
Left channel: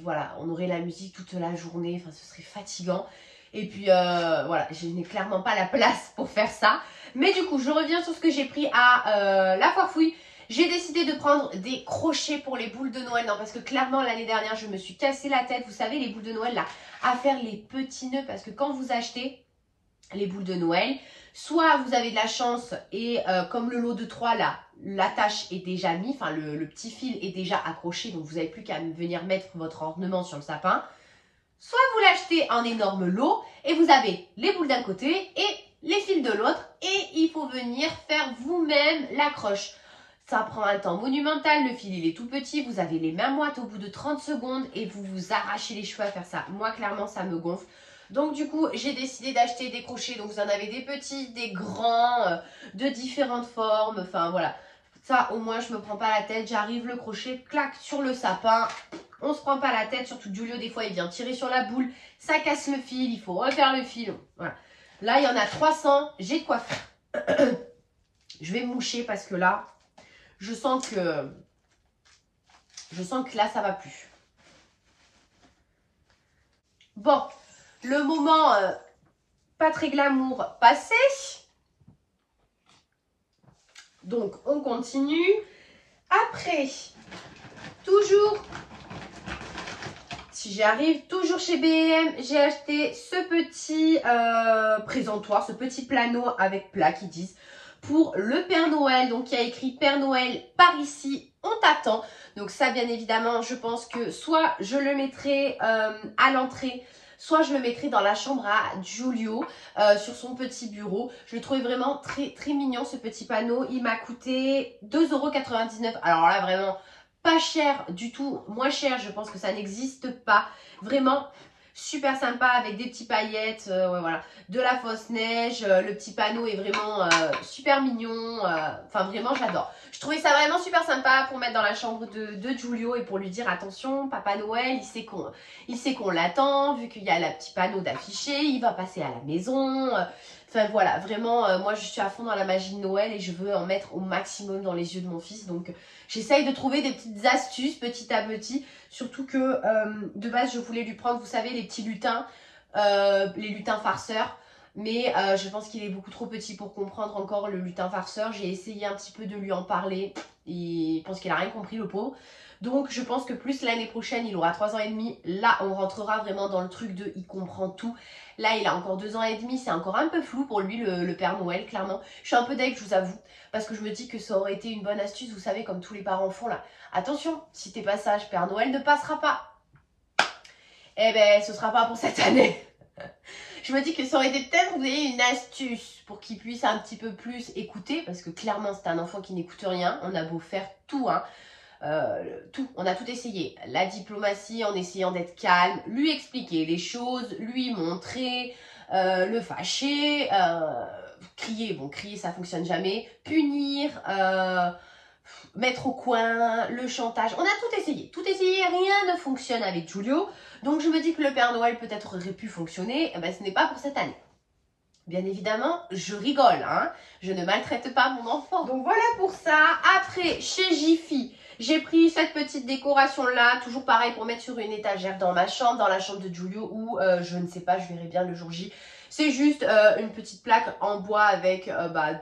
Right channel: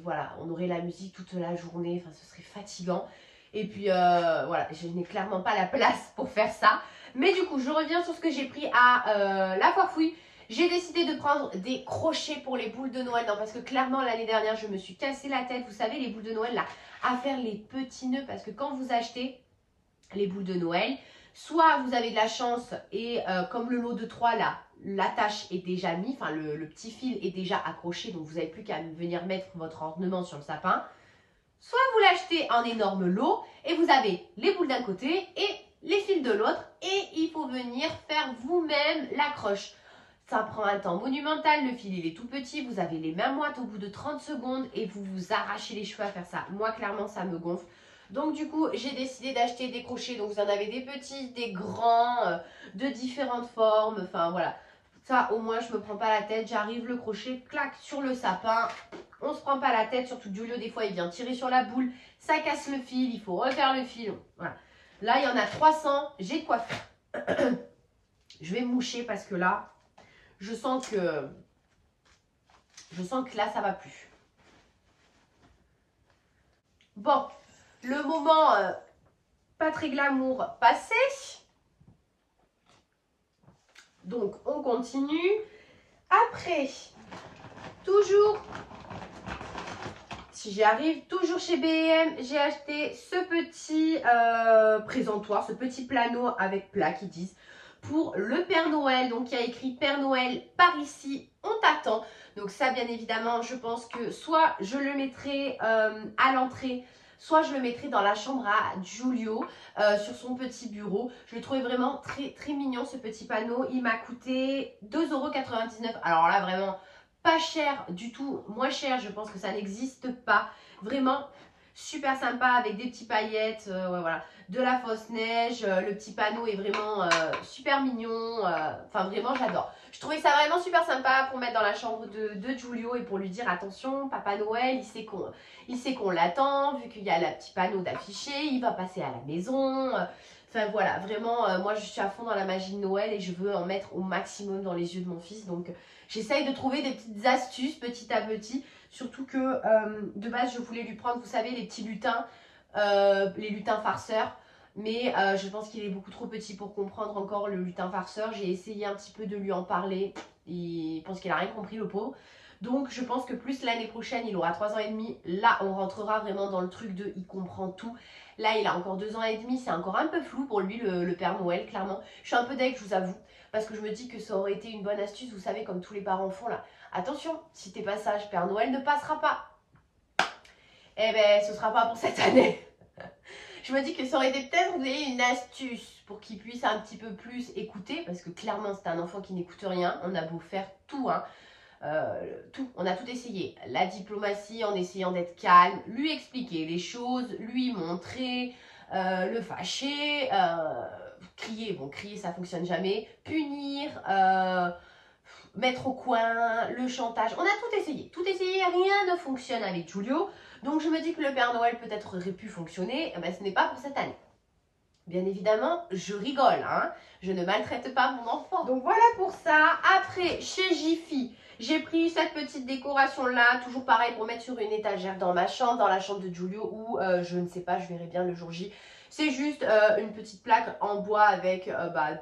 voilà, on aurait la musique toute la journée. Enfin, ce serait fatigant. Et puis, voilà, je n'ai clairement pas la place pour faire ça. Mais du coup, je reviens sur ce que j'ai pris à la Farfouille. J'ai décidé de prendre des crochets pour les boules de Noël. Non, parce que clairement, l'année dernière, je me suis cassé la tête. Vous savez, les boules de Noël, là, à faire les petits nœuds. Parce que quand vous achetez les boules de Noël, soit vous avez de la chance et comme le lot de 3 là, l'attache est déjà mise, enfin le petit fil est déjà accroché, donc vous n'avez plus qu'à venir mettre votre ornement sur le sapin. Soit vous l'achetez en énorme lot et vous avez les boules d'un côté et les fils de l'autre et il faut venir faire vous-même l'accroche. Ça prend un temps monumental, le fil il est tout petit, vous avez les mains moites au bout de 30 secondes et vous vous arrachez les cheveux à faire ça. Moi clairement ça me gonfle. Donc du coup, j'ai décidé d'acheter des crochets. Donc vous en avez des petits, des grands, de différentes formes. Enfin voilà, ça au moins je me prends pas la tête. J'arrive, le crochet, clac, sur le sapin. On se prend pas la tête, surtout Giulio des fois il vient tirer sur la boule. Ça casse le fil, il faut refaire le fil. Voilà. Là il y en a 300, j'ai de quoi faire. Je vais me moucher parce que là, je sens que là ça va plus. Bon. Le moment pas très glamour passé. Donc, on continue. Après, toujours, si j'y arrive, toujours chez B&M, j'ai acheté ce petit présentoir, ce petit plano avec plat qui disent pour le Père Noël. Donc, il y a écrit Père Noël par ici, on t'attend. Donc, ça, bien évidemment, je pense que soit je le mettrai à l'entrée, soit je le mettrai dans la chambre à Giulio, sur son petit bureau. Je le trouvais vraiment très, très mignon, ce petit panneau. Il m'a coûté 2,99 €. Alors là, vraiment pas cher du tout. Moins cher, je pense que ça n'existe pas. Vraiment super sympa avec des petits paillettes, ouais, voilà, de la fausse neige. Le petit panneau est vraiment super mignon. Enfin, vraiment, j'adore. Je trouvais ça vraiment super sympa pour mettre dans la chambre de Giulio et pour lui dire attention, Papa Noël, il sait qu'on l'attend, vu qu'il y a le petit panneau d'affiché, il va passer à la maison. Enfin voilà, vraiment, moi je suis à fond dans la magie de Noël et je veux en mettre au maximum dans les yeux de mon fils. Donc j'essaye de trouver des petites astuces petit à petit. Surtout que de base je voulais lui prendre, vous savez, les petits lutins, les lutins farceurs. Mais je pense qu'il est beaucoup trop petit pour comprendre encore le lutin farceur. J'ai essayé un petit peu de lui en parler. Je pense qu'il n'a rien compris, le pauvre. Donc je pense que plus l'année prochaine, il aura 3 ans et demi. Là, on rentrera vraiment dans le truc de il comprend tout. Là, il a encore 2 ans et demi. C'est encore un peu flou pour lui, le Père Noël, clairement. Je suis un peu deg, je vous avoue. Parce que je me dis que ça aurait été une bonne astuce, vous savez, comme tous les parents font là. Attention, si t'es pas sage, Père Noël ne passera pas. Eh ben, ce sera pas pour cette année. Je me dis que ça aurait été peut-être, vous avez une astuce pour qu'il puisse un petit peu plus écouter. Parce que clairement, c'est un enfant qui n'écoute rien. On a beau faire tout, hein. Tout, on a tout essayé. La diplomatie en essayant d'être calme, lui expliquer les choses, lui montrer, le fâcher, crier. Bon, crier, ça fonctionne jamais. Punir, mettre au coin, le chantage. On a tout essayé, rien ne fonctionne avec Giulio. Donc je me dis que le Père Noël peut-être aurait pu fonctionner. Eh ben, ce n'est pas pour cette année. Bien évidemment, je rigole, hein. Je ne maltraite pas mon enfant. Donc voilà pour ça. Après, chez Jiffy, j'ai pris cette petite décoration-là, toujours pareil pour mettre sur une étagère dans ma chambre, dans la chambre de Giulio, ou je ne sais pas, je verrai bien le jour J. C'est juste une petite plaque en bois avec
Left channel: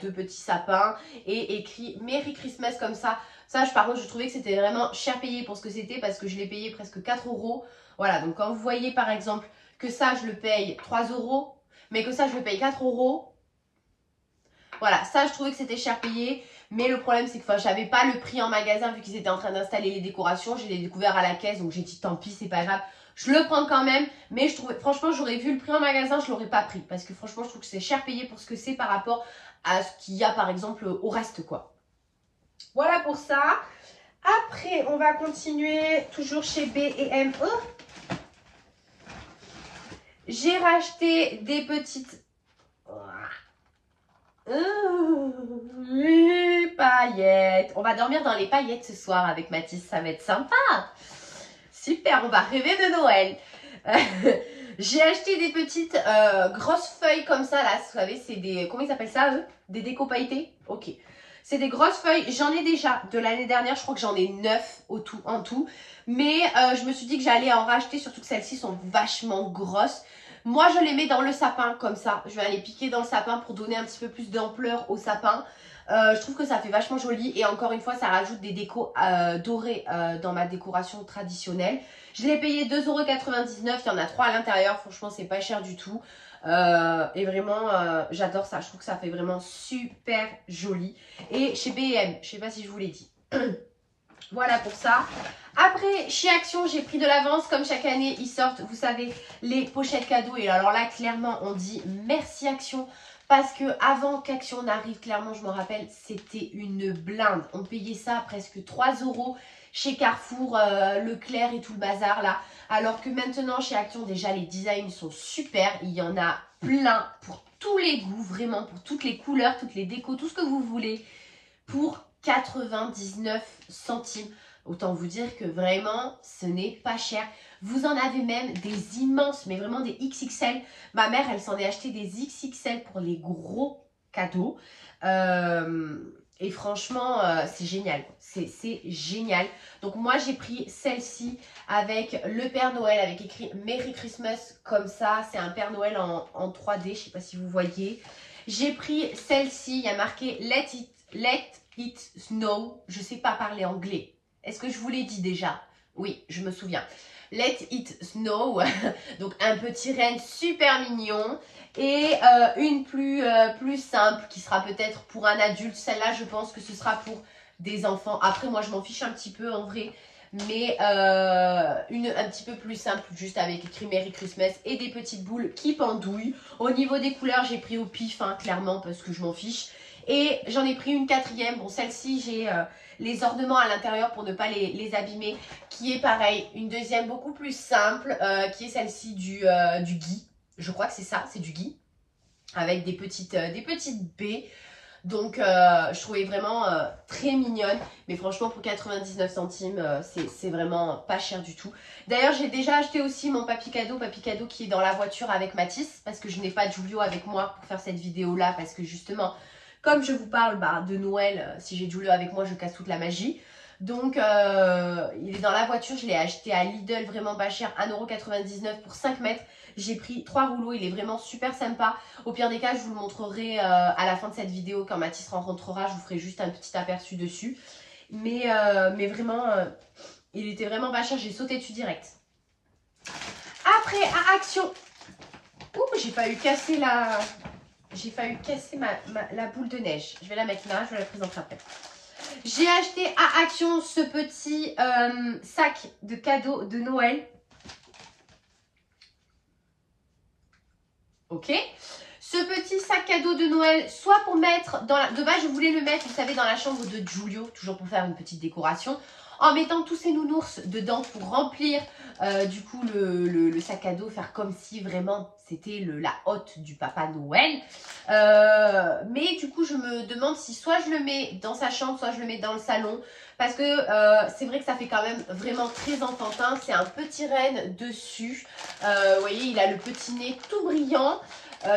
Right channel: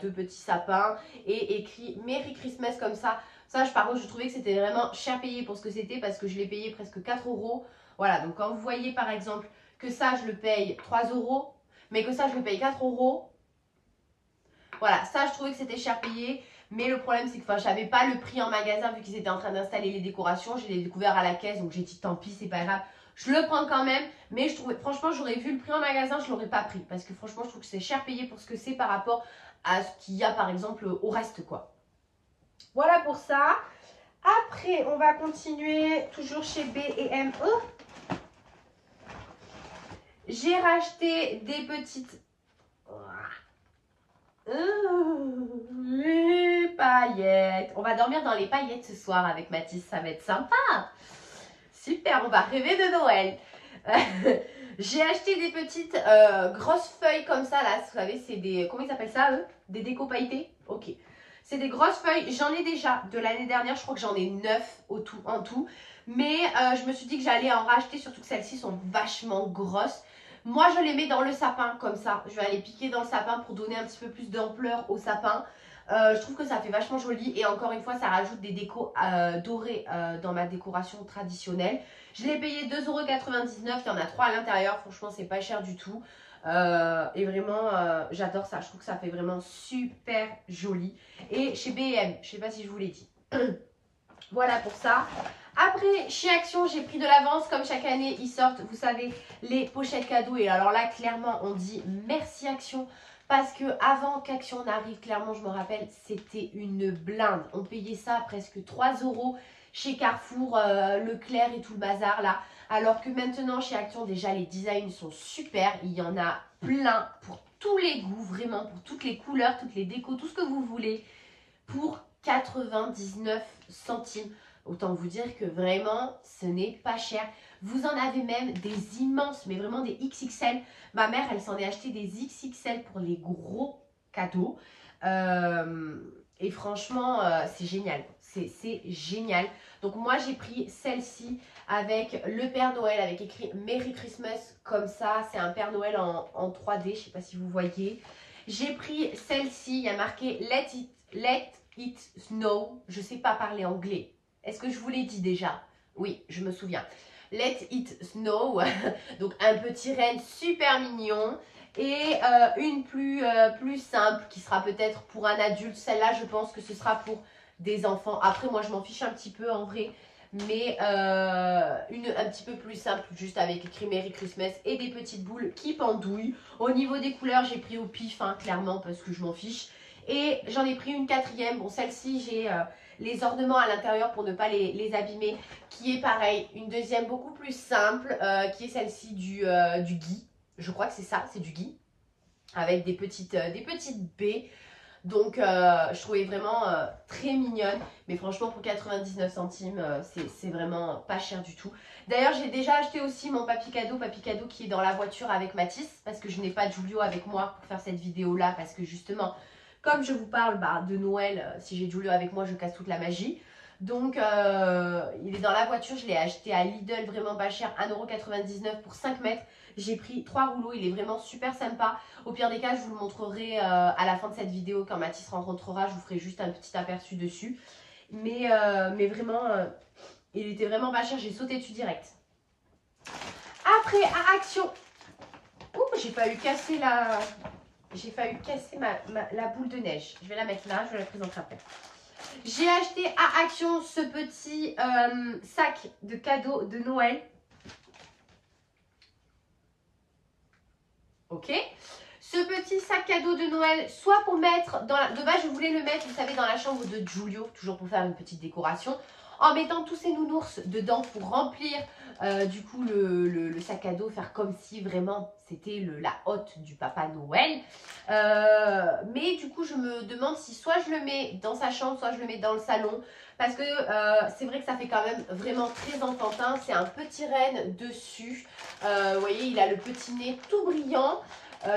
2 petits sapins et écrit Merry Christmas comme ça. Ça, par contre, je trouvais que c'était vraiment cher payé pour ce que c'était parce que je l'ai payé presque 4 €. Voilà, donc quand vous voyez par exemple que ça, je le paye 3 €, mais que ça, je le paye 4 €. Voilà, ça, je trouvais que c'était cher payé. Mais le problème, c'est que je n'avais pas le prix en magasin vu qu'ils étaient en train d'installer les décorations. Je l'ai découvert à la caisse, donc j'ai dit tant pis, c'est pas grave. Je le prends quand même, mais je trouvais, franchement, j'aurais vu le prix en magasin, je ne l'aurais pas pris. Parce que franchement, je trouve que c'est cher payé pour ce que c'est par rapport à ce qu'il y a, par exemple, au reste, quoi. Voilà pour ça. Après, on va continuer toujours chez B&M. J'ai racheté des petites... les paillettes. On va dormir dans les paillettes ce soir avec Mathis, ça va être sympa. Super, on va rêver de Noël. J'ai acheté des petites grosses feuilles comme ça, là. Vous savez, c'est des... Comment ils appellent ça, eux? Des déco pailletés? Ok. C'est des grosses feuilles. J'en ai déjà de l'année dernière. Je crois que j'en ai 9 en tout. Mais je me suis dit que j'allais en racheter, surtout que celles-ci sont vachement grosses. Moi, je les mets dans le sapin comme ça. Je vais aller piquer dans le sapin pour donner un petit peu plus d'ampleur au sapin. Je trouve que ça fait vachement joli. Et encore une fois, ça rajoute des décos dorés dans ma décoration traditionnelle. Je l'ai payé 2,99 €. Il y en a 3 à l'intérieur. Franchement, c'est pas cher du tout. Et vraiment, j'adore ça. Je trouve que ça fait vraiment super joli. Et chez B&M, je sais pas si je vous l'ai dit. Voilà pour ça. Après, chez Action, j'ai pris de l'avance. Comme chaque année, ils sortent, vous savez, les pochettes cadeaux. Et alors là, clairement, on dit merci Action. Parce que avant qu'Action n'arrive, clairement, je me rappelle, c'était une blinde. On payait ça presque 3 € chez Carrefour, Leclerc et tout le bazar là. Alors que maintenant, chez Action, déjà, les designs sont super. Il y en a plein pour tous les goûts, vraiment, pour toutes les couleurs, toutes les décos, tout ce que vous voulez. Pour 99 centimes. Autant vous dire que vraiment, ce n'est pas cher. Vous en avez même des immenses, mais vraiment des XXL. Ma mère, elle s'en est acheté des XXL pour les gros cadeaux. Et franchement, c'est génial. C'est génial. Donc moi, j'ai pris celle-ci avec le Père Noël, avec écrit Merry Christmas comme ça. C'est un Père Noël en 3D, je ne sais pas si vous voyez. J'ai pris celle-ci, il y a marqué Let it snow. Je ne sais pas parler anglais. Est-ce que je vous l'ai dit déjà? Oui, je me souviens. Let it snow. Donc un petit renne super mignon. Et une plus simple qui sera peut-être pour un adulte. Celle-là, je pense que ce sera pour des enfants. Après, moi, je m'en fiche un petit peu en vrai. Mais un petit peu plus simple, juste avec écrit Merry Christmas et des petites boules qui pendouillent. Au niveau des couleurs, j'ai pris au pif, hein, clairement, parce que je m'en fiche. Et j'en ai pris une 4e. Bon, celle-ci, j'ai les ornements à l'intérieur pour ne pas les abîmer. Qui est pareil, une 2e beaucoup plus simple, qui est celle-ci du gui. Je crois que c'est ça, c'est du gui. Avec des petites baies. Donc, je trouvais vraiment très mignonne. Mais franchement, pour 99 centimes, c'est vraiment pas cher du tout. D'ailleurs, j'ai déjà acheté aussi mon papy cadeau qui est dans la voiture avec Mathis. Parce que je n'ai pas Giulio avec moi pour faire cette vidéo-là. Parce que justement, comme je vous parle de Noël, si j'ai Giulio avec moi, je casse toute la magie. Donc, il est dans la voiture. Je l'ai acheté à Lidl, vraiment pas cher. 1,99 € pour 5 mètres. J'ai pris 3 rouleaux, il est vraiment super sympa. Au pire des cas, je vous le montrerai à la fin de cette vidéo. Quand Mathis rencontrera, je vous ferai juste un petit aperçu dessus. Mais vraiment, Il était vraiment pas cher, j'ai sauté dessus direct. Après, à Action. Ouh, j'ai failli casser la... J'ai failli casser la boule de neige. Je vais la mettre là, je vais la présenter après. J'ai acheté à Action ce petit sac de cadeaux de Noël. Ok. Ce petit sac cadeau de Noël, soit pour mettre dans la... De base, je voulais le mettre, vous savez, dans la chambre de Giulio, toujours pour faire une petite décoration, en mettant tous ces nounours dedans pour remplir du coup le sac à dos, faire comme si vraiment c'était la hotte du Papa Noël. Mais du coup, je me demande si soit je le mets dans sa chambre, soit je le mets dans le salon. Parce que c'est vrai que ça fait quand même vraiment très enfantin. C'est un petit renne dessus. Vous voyez, il a le petit nez tout brillant.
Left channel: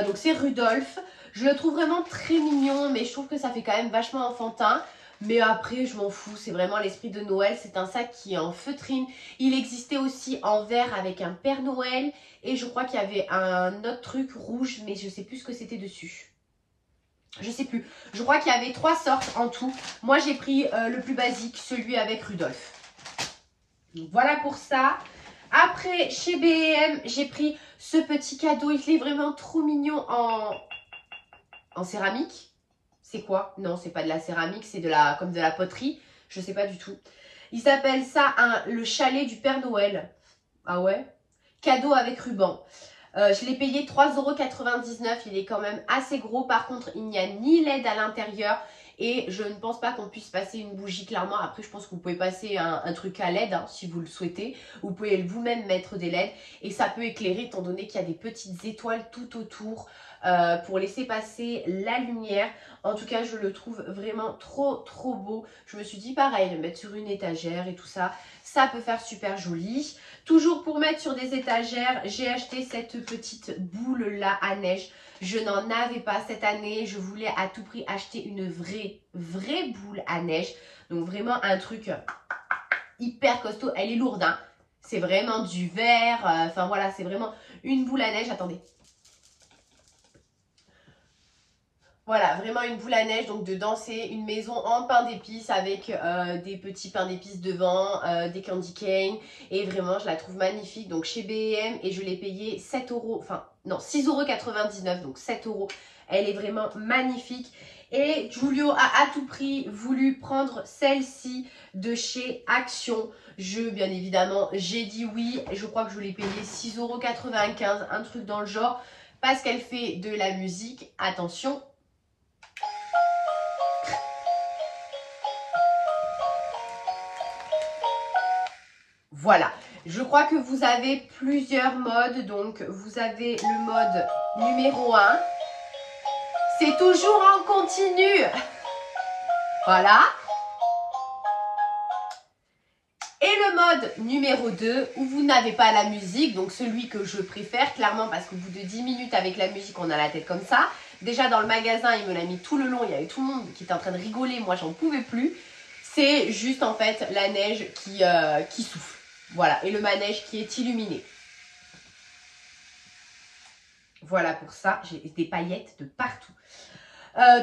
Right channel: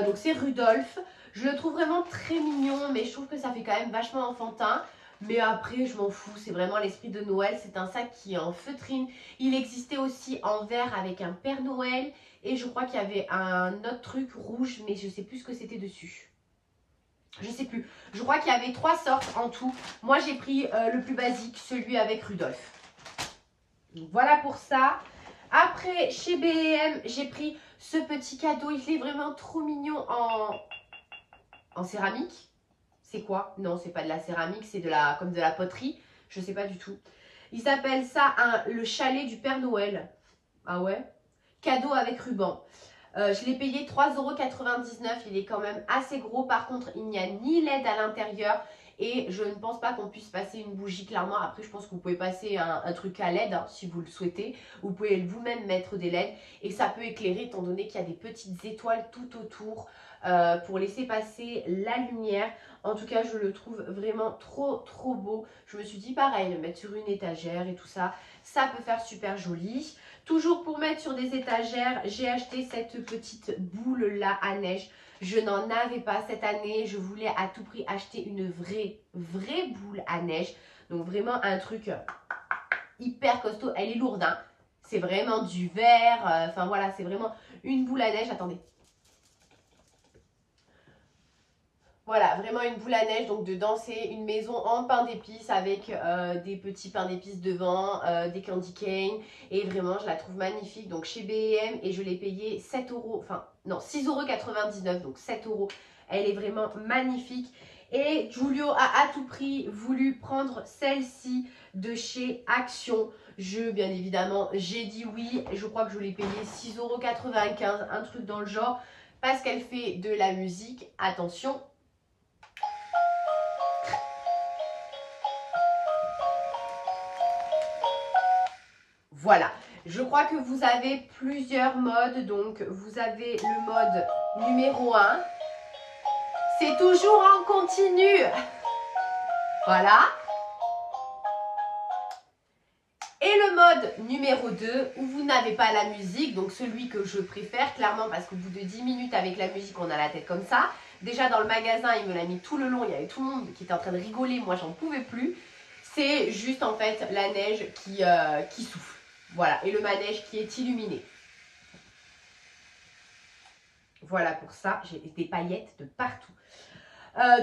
Donc c'est Rudolph. Je le trouve vraiment très mignon, mais je trouve que ça fait quand même vachement enfantin. Mais après, je m'en fous, c'est vraiment l'esprit de Noël. C'est un sac qui est en feutrine. Il existait aussi en vert avec un Père Noël. Et je crois qu'il y avait un autre truc rouge, mais je ne sais plus ce que c'était dessus. Je sais plus. Je crois qu'il y avait 3 sortes en tout. Moi, j'ai pris le plus basique, celui avec Rudolph. Donc, voilà pour ça. Après, chez B&M, j'ai pris ce petit cadeau. Il est vraiment trop mignon en céramique. C'est quoi? Non, c'est pas de la céramique, c'est comme de la poterie. Je sais pas du tout. Il s'appelle ça le chalet du Père Noël. Ah ouais? Cadeau avec ruban. Je l'ai payé 3,99 €. Il est quand même assez gros. Par contre, il n'y a ni LED à l'intérieur. Et je ne pense pas qu'on puisse passer une bougie clairement. Après, je pense que vous pouvez passer un truc à LED hein, si vous le souhaitez. Vous pouvez vous-même mettre des LED. Et ça peut éclairer étant donné qu'il y a des petites étoiles tout autour pour laisser passer la lumière. En tout cas, je le trouve vraiment trop beau. Je me suis dit pareil, le mettre sur une étagère et tout ça, ça peut faire super joli. Toujours pour mettre sur des étagères, j'ai acheté cette petite boule là à neige. Je n'en avais pas cette année. Je voulais à tout prix acheter une vraie boule à neige. Donc vraiment un truc hyper costaud. Elle est lourde, hein. C'est vraiment du verre. Enfin voilà, c'est vraiment une boule à neige. Attendez. Voilà, vraiment une boule à neige. Donc dedans, c'est une maison en pain d'épices avec des petits pains d'épices devant, des candy cane. Et vraiment, je la trouve magnifique. Donc chez B&M et je l'ai payé 7 €. Enfin, non, 6,99 €. Donc 7 €. Elle est vraiment magnifique. Et Giulio a à tout prix voulu prendre celle-ci de chez Action. Bien évidemment, j'ai dit oui. Je crois que je l'ai payé 6,95 €. Un truc dans le genre. Parce qu'elle fait de la musique. Attention. Voilà, je crois que vous avez plusieurs modes. Donc, vous avez le mode numéro 1. C'est toujours en continu. Voilà. Et le mode numéro 2 où vous n'avez pas la musique. Donc, celui que je préfère clairement parce qu'au bout de 10 minutes avec la musique, on a la tête comme ça. Déjà, dans le magasin, il me l'a mis tout le long. Il y avait tout le monde qui était en train de rigoler. Moi, j'en pouvais plus. C'est juste en fait la neige qui souffle. Voilà, et le manège qui est illuminé. Voilà pour ça, j'ai des paillettes de partout.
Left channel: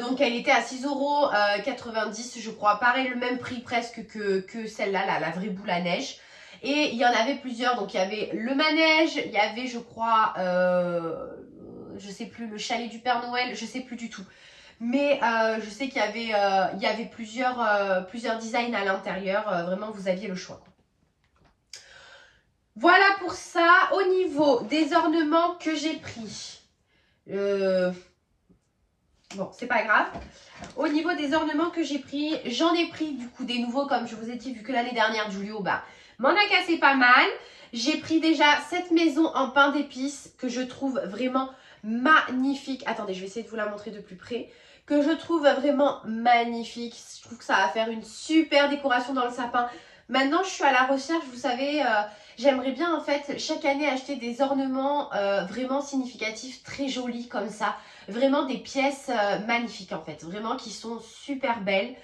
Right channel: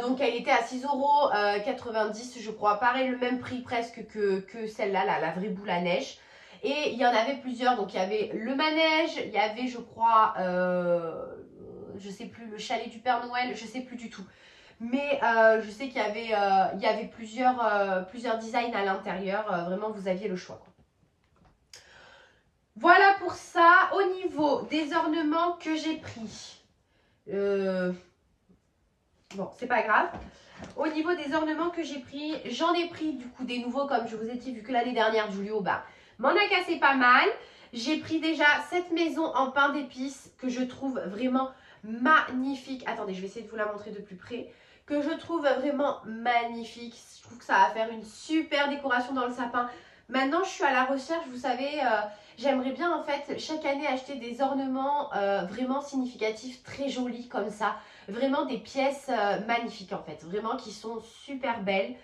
Donc elle était à 6,90 €, je crois. Pareil, le même prix presque que celle-là, la vraie boule à neige. Et il y en avait plusieurs. Donc il y avait le manège, il y avait, je crois, je sais plus, le chalet du Père Noël, je sais plus du tout. Mais je sais qu'il y avait plusieurs designs à l'intérieur. Vraiment, vous aviez le choix, quoi. Voilà pour ça. Au niveau des ornements que j'ai pris. Bon, c'est pas grave. Au niveau des ornements que j'ai pris, j'en ai pris du coup des nouveaux, comme je vous ai dit, vu que l'année dernière, Giulio, m'en a cassé pas mal. J'ai pris déjà cette maison en pain d'épices que je trouve vraiment magnifique. Attendez, je vais essayer de vous la montrer de plus près. Que je trouve vraiment magnifique. Je trouve que ça va faire une super décoration dans le sapin. Maintenant, je suis à la recherche, vous savez, j'aimerais bien en fait chaque année acheter des ornements vraiment significatifs, très jolis comme ça. Vraiment des pièces magnifiques en fait, vraiment qui sont super belles.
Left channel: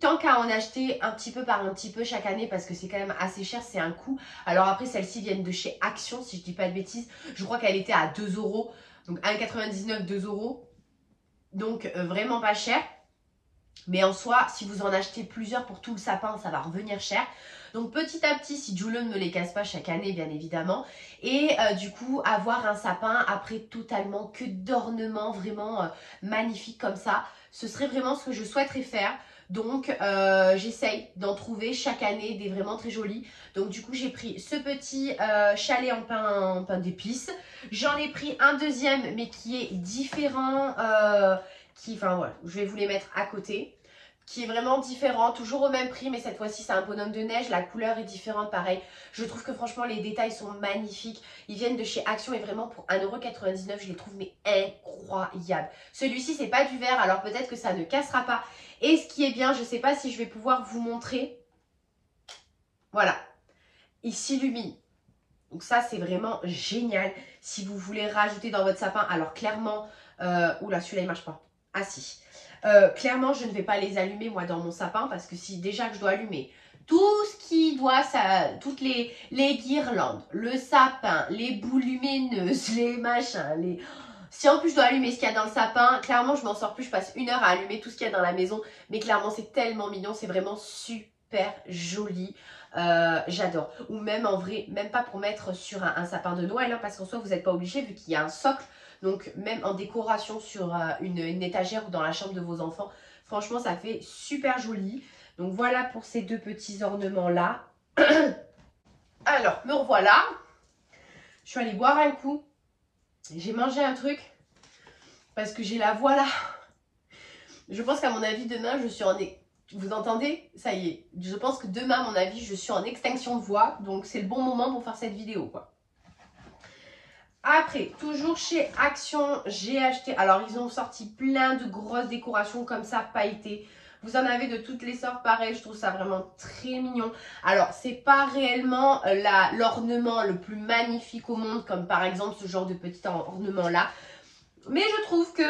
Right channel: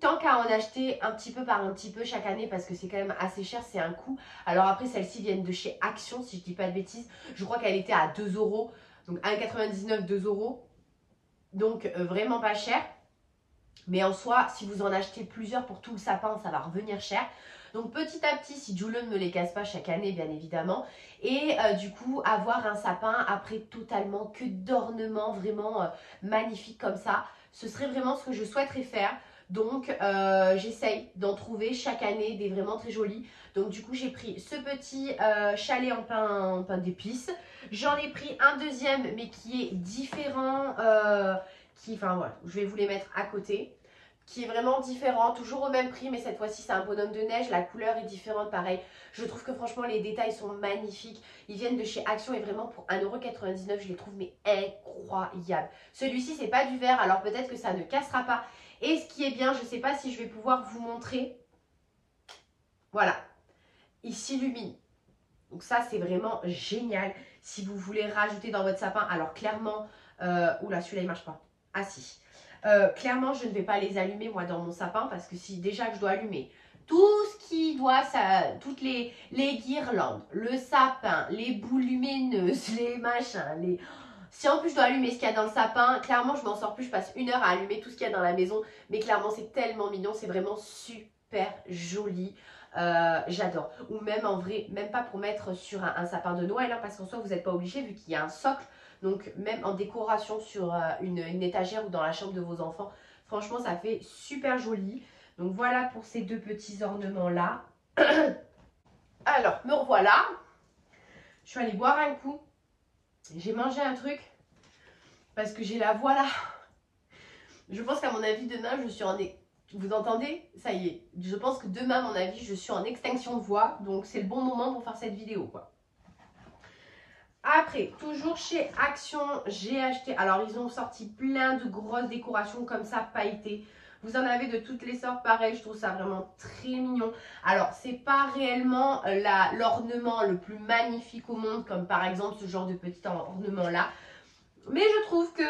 Tant qu'à en acheter un petit peu par un petit peu chaque année parce que c'est quand même assez cher, c'est un coût. Alors après, celles-ci viennent de chez Action, si je dis pas de bêtises. Je crois qu'elle était à 2 €, donc 1,99 €, 2 €. Donc vraiment pas cher. Mais en soi, si vous en achetez plusieurs pour tout le sapin, ça va revenir cher. Donc petit à petit, si Julio ne me les casse pas chaque année, bien évidemment. Et du coup, avoir un sapin après totalement que d'ornements vraiment magnifiques comme ça, ce serait vraiment ce que je souhaiterais faire. Donc j'essaye d'en trouver chaque année des vraiment très jolis. Donc du coup, j'ai pris ce petit chalet en pain d'épices. J'en ai pris un deuxième, mais qui est différent. Enfin voilà, je vais vous les mettre à côté, qui est vraiment différent, toujours au même prix, mais cette fois-ci c'est un bonhomme de neige, la couleur est différente, pareil. Je trouve que franchement les détails sont magnifiques, ils viennent de chez Action et vraiment pour 1,99 €, je les trouve mais incroyables. Celui-ci c'est pas du verre, alors peut-être que ça ne cassera pas. Et ce qui est bien, je sais pas si je vais pouvoir vous montrer, voilà, il s'illumine. Donc ça c'est vraiment génial, si vous voulez rajouter dans votre sapin, alors clairement, oula celui-là il marche pas, ah si. Clairement, je ne vais pas les allumer moi dans mon sapin parce que si déjà que je dois allumer tout ce qui doit, toutes les guirlandes, le sapin, les boules lumineuses, les machins, si en plus je dois allumer ce qu'il y a dans le sapin, clairement je m'en sors plus, je passe 1 heure à allumer tout ce qu'il y a dans la maison. Mais clairement c'est tellement mignon, c'est vraiment super joli. J'adore. Ou même en vrai, même pas pour mettre sur un sapin de Noël, hein, parce qu'en soi vous n'êtes pas obligé vu qu'il y a un socle. Donc même en décoration sur une étagère ou dans la chambre de vos enfants, franchement ça fait super joli. Donc voilà pour ces deux petits ornements là. Alors me revoilà. Je suis allée boire un coup. J'ai mangé un truc parce que j'ai la voix là. Je pense qu'à mon avis demain je suis en... Vous entendez? Ça y est. Je pense que demain à mon avis je suis en extinction de voix. Donc c'est le bon moment pour faire cette vidéo quoi. Après, toujours chez Action, j'ai acheté... Alors, ils ont sorti plein de grosses décorations comme ça, pailletées. Vous en avez de toutes les sortes, pareil. Je trouve ça vraiment très mignon. Alors, c'est pas réellement l'ornement le plus magnifique au monde, comme par exemple ce genre de petit ornement-là. Mais je trouve que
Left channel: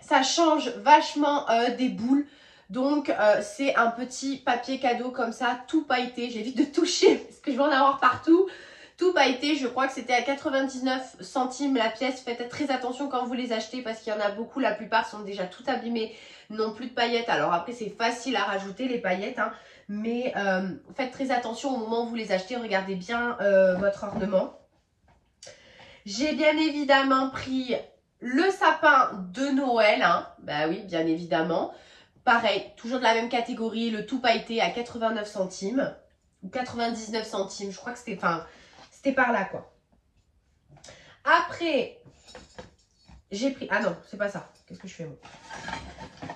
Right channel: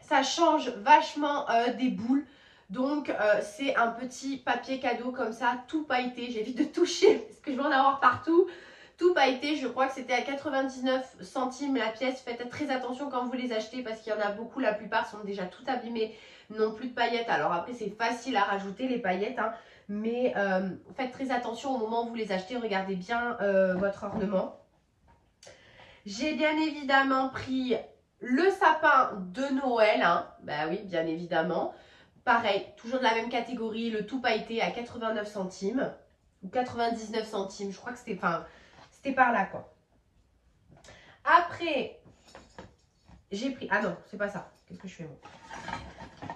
ça change vachement des boules. Donc, c'est un petit papier cadeau comme ça, tout pailleté. J'évite de toucher parce que je vais en avoir partout. Tout pailleté, je crois que c'était à 99 centimes la pièce. Faites très attention quand vous les achetez parce qu'il y en a beaucoup. La plupart sont déjà tout abîmés, n'ont plus de paillettes. Alors après, c'est facile à rajouter les paillettes. Hein, mais faites très attention au moment où vous les achetez. Regardez bien votre ornement. J'ai bien évidemment pris le sapin de Noël. Hein. Bah oui, bien évidemment. Pareil, toujours de la même catégorie. Le tout pailleté à 89 centimes. Ou 99 centimes. Je crois que c'était... Enfin, c'était par là, quoi. Après, j'ai pris... Ah non, c'est pas ça. Qu'est-ce que je fais, moi?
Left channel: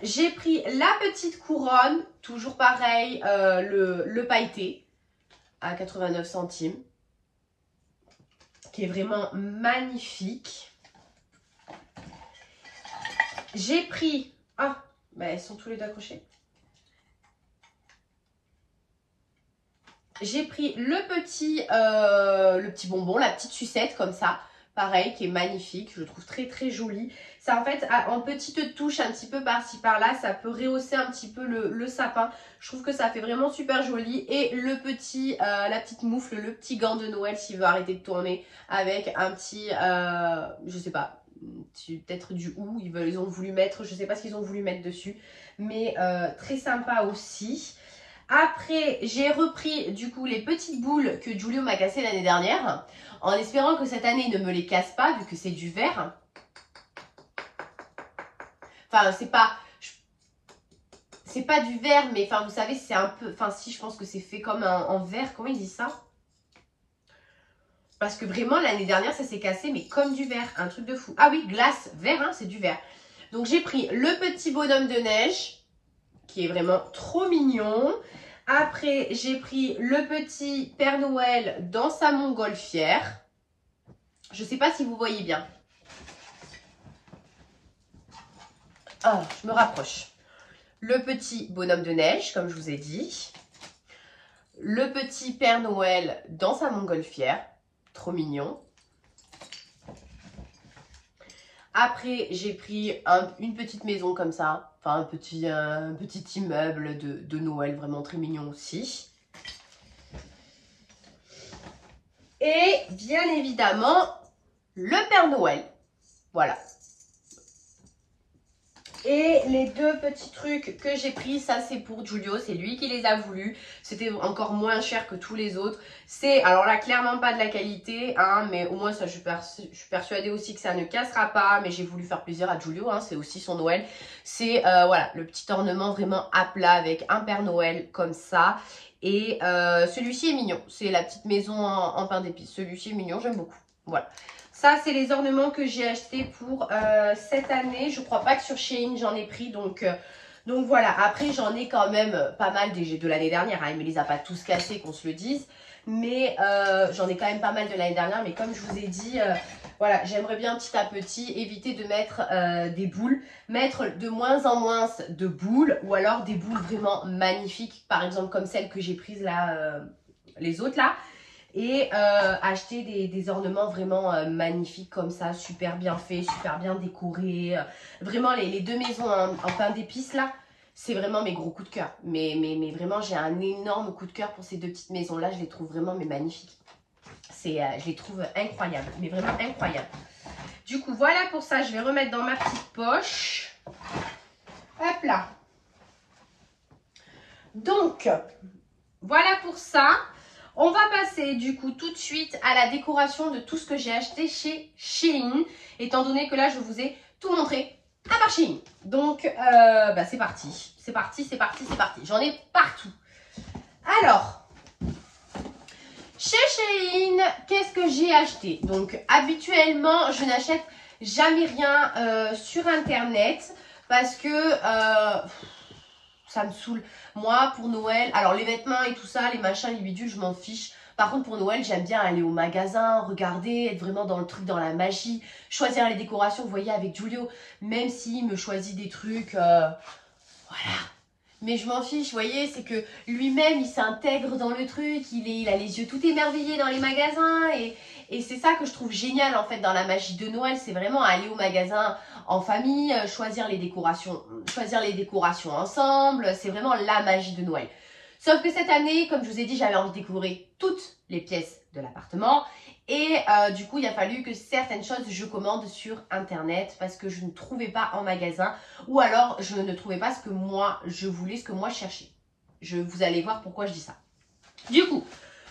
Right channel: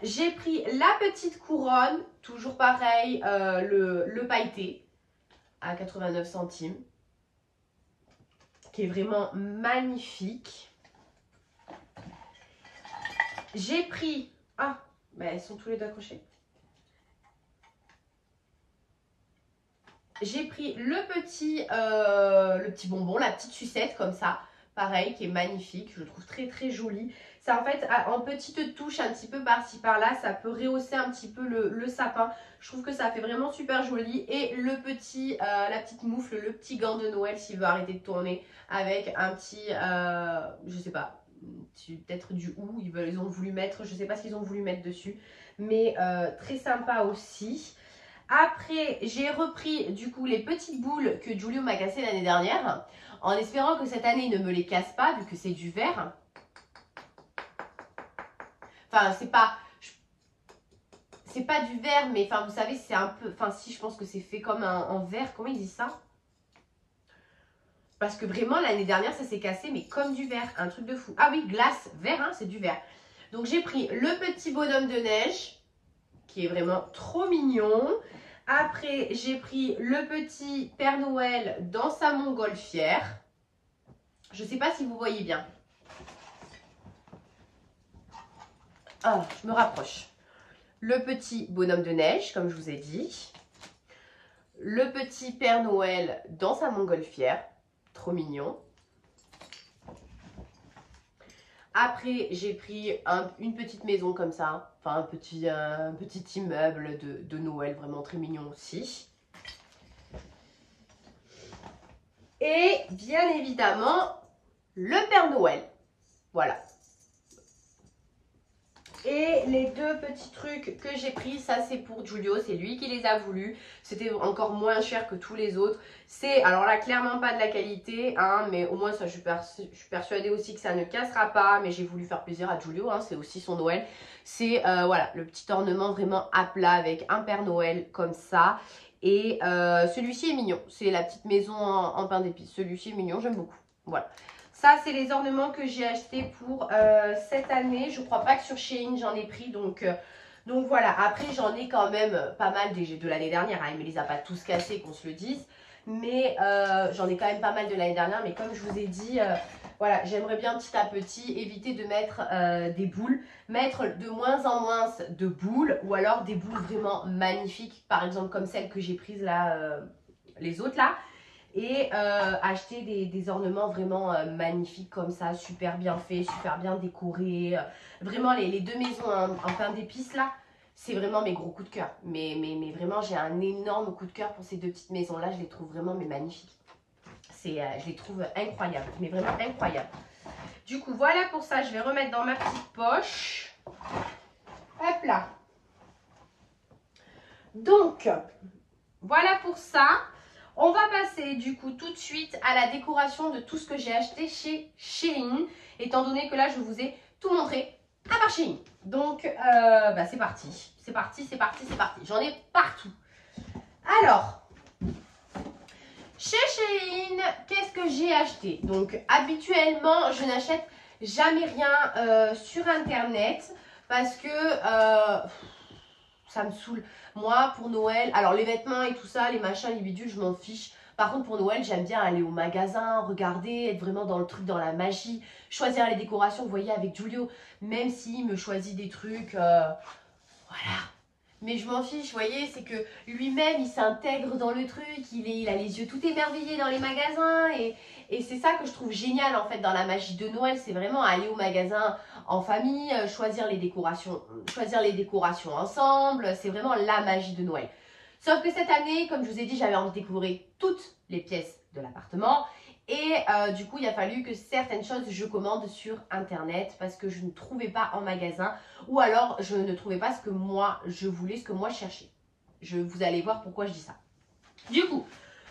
J'ai pris la petite couronne. Toujours pareil, le pailleté. À 89 centimes. Qui est vraiment magnifique. J'ai pris... Ah, ben, elles sont tous les deux accrochés. J'ai pris le petit bonbon, la petite sucette comme ça. Pareil, qui est magnifique. Je le trouve très très joli. Ça en fait, en petite touche un petit peu par-ci par-là, ça peut rehausser un petit peu le sapin. Je trouve que ça fait vraiment super joli. Et la petite moufle, le petit gant de Noël s'il veut arrêter de tourner. Avec un petit, je sais pas, peut-être du hou. Ils ont voulu mettre, je sais pas ce qu'ils ont voulu mettre dessus. Mais très sympa aussi. Après, j'ai repris du coup les petites boules que Julio m'a cassées l'année dernière, en espérant que cette année il ne me les casse pas, vu que c'est du verre. Enfin, c'est pas du verre, mais enfin, vous savez, c'est un peu... Enfin, si, je pense que c'est fait comme en verre. Comment ils disent ça? Parce que vraiment, l'année dernière, ça s'est cassé, mais comme du verre. Un truc de fou. Ah oui, glace, verre, hein, c'est du verre. Donc, j'ai pris le petit bonhomme de neige, qui est vraiment trop mignon. Après, j'ai pris le petit Père Noël dans sa montgolfière. Je ne sais pas si vous voyez bien. Ah, je me rapproche. Le petit bonhomme de neige, comme je vous ai dit. Le petit Père Noël dans sa montgolfière. Trop mignon. Après, j'ai pris une petite maison comme ça. Enfin, un petit immeuble de Noël, vraiment très mignon aussi. Et bien évidemment, le Père Noël. Voilà. Et les deux petits trucs que j'ai pris, ça c'est pour Giulio, c'est lui qui les a voulu. C'était encore moins cher que tous les autres. C'est, alors là, clairement pas de la qualité, hein, mais au moins ça, je suis persuadée aussi que ça ne cassera pas. Mais j'ai voulu faire plaisir à Giulio, hein, c'est aussi son Noël. C'est, voilà, le petit ornement vraiment à plat avec un Père Noël comme ça. Et celui-ci est mignon, c'est la petite maison en pain d'épices. Celui-ci est mignon, j'aime beaucoup, voilà. Ça, c'est les ornements que j'ai achetés pour cette année. Je crois pas que sur Shein, j'en ai pris. Donc voilà. Après, j'en ai quand même pas mal de l'année dernière. Hein. Il ne me les a pas tous cassés, qu'on se le dise. Mais j'en ai quand même pas mal de l'année dernière. Mais comme je vous ai dit, voilà, j'aimerais bien petit à petit éviter de mettre des boules. Mettre de moins en moins de boules. Ou alors des boules vraiment magnifiques. Par exemple, comme celle que j'ai prise là, les autres là. Et acheter des ornements vraiment magnifiques comme ça, super bien faits, super bien décorés. Vraiment, les deux maisons en pain d'épices là, c'est vraiment mes gros coups de cœur. Mais vraiment, j'ai un énorme coup de cœur pour ces deux petites maisons là. Je les trouve vraiment magnifiques. Je les trouve incroyables, mais vraiment incroyables. Du coup, voilà pour ça. Je vais remettre dans ma petite poche. Hop là. Donc, voilà pour ça. On va passer du coup tout de suite à la décoration de tout ce que j'ai acheté chez Shein. Étant donné que là, je vous ai tout montré à part Shein. Donc, c'est parti. C'est parti, c'est parti, c'est parti. J'en ai partout. Alors, chez Shein, qu'est-ce que j'ai acheté? Donc, habituellement, je n'achète jamais rien sur Internet parce que ça me saoule. Moi, pour Noël, alors les vêtements et tout ça, les machins, les bidules, je m'en fiche. Par contre, pour Noël, j'aime bien aller au magasin, regarder, être vraiment dans le truc, dans la magie, choisir les décorations. Vous voyez, avec Giulio, même s'il me choisit des trucs, voilà. Mais je m'en fiche, vous voyez, c'est que lui-même, il s'intègre dans le truc, il a les yeux tout émerveillés dans les magasins. Et c'est ça que je trouve génial, en fait, dans la magie de Noël. C'est vraiment aller au magasin en famille, choisir les décorations ensemble. C'est vraiment la magie de Noël. Sauf que cette année, comme je vous ai dit, j'avais envie de découvrir toutes les pièces de l'appartement. Et du coup, il a fallu que certaines choses, je commande sur Internet parce que je ne trouvais pas en magasin. Ou alors, je ne trouvais pas ce que moi, je voulais, ce que moi, je cherchais. Vous allez voir pourquoi je dis ça. Du coup,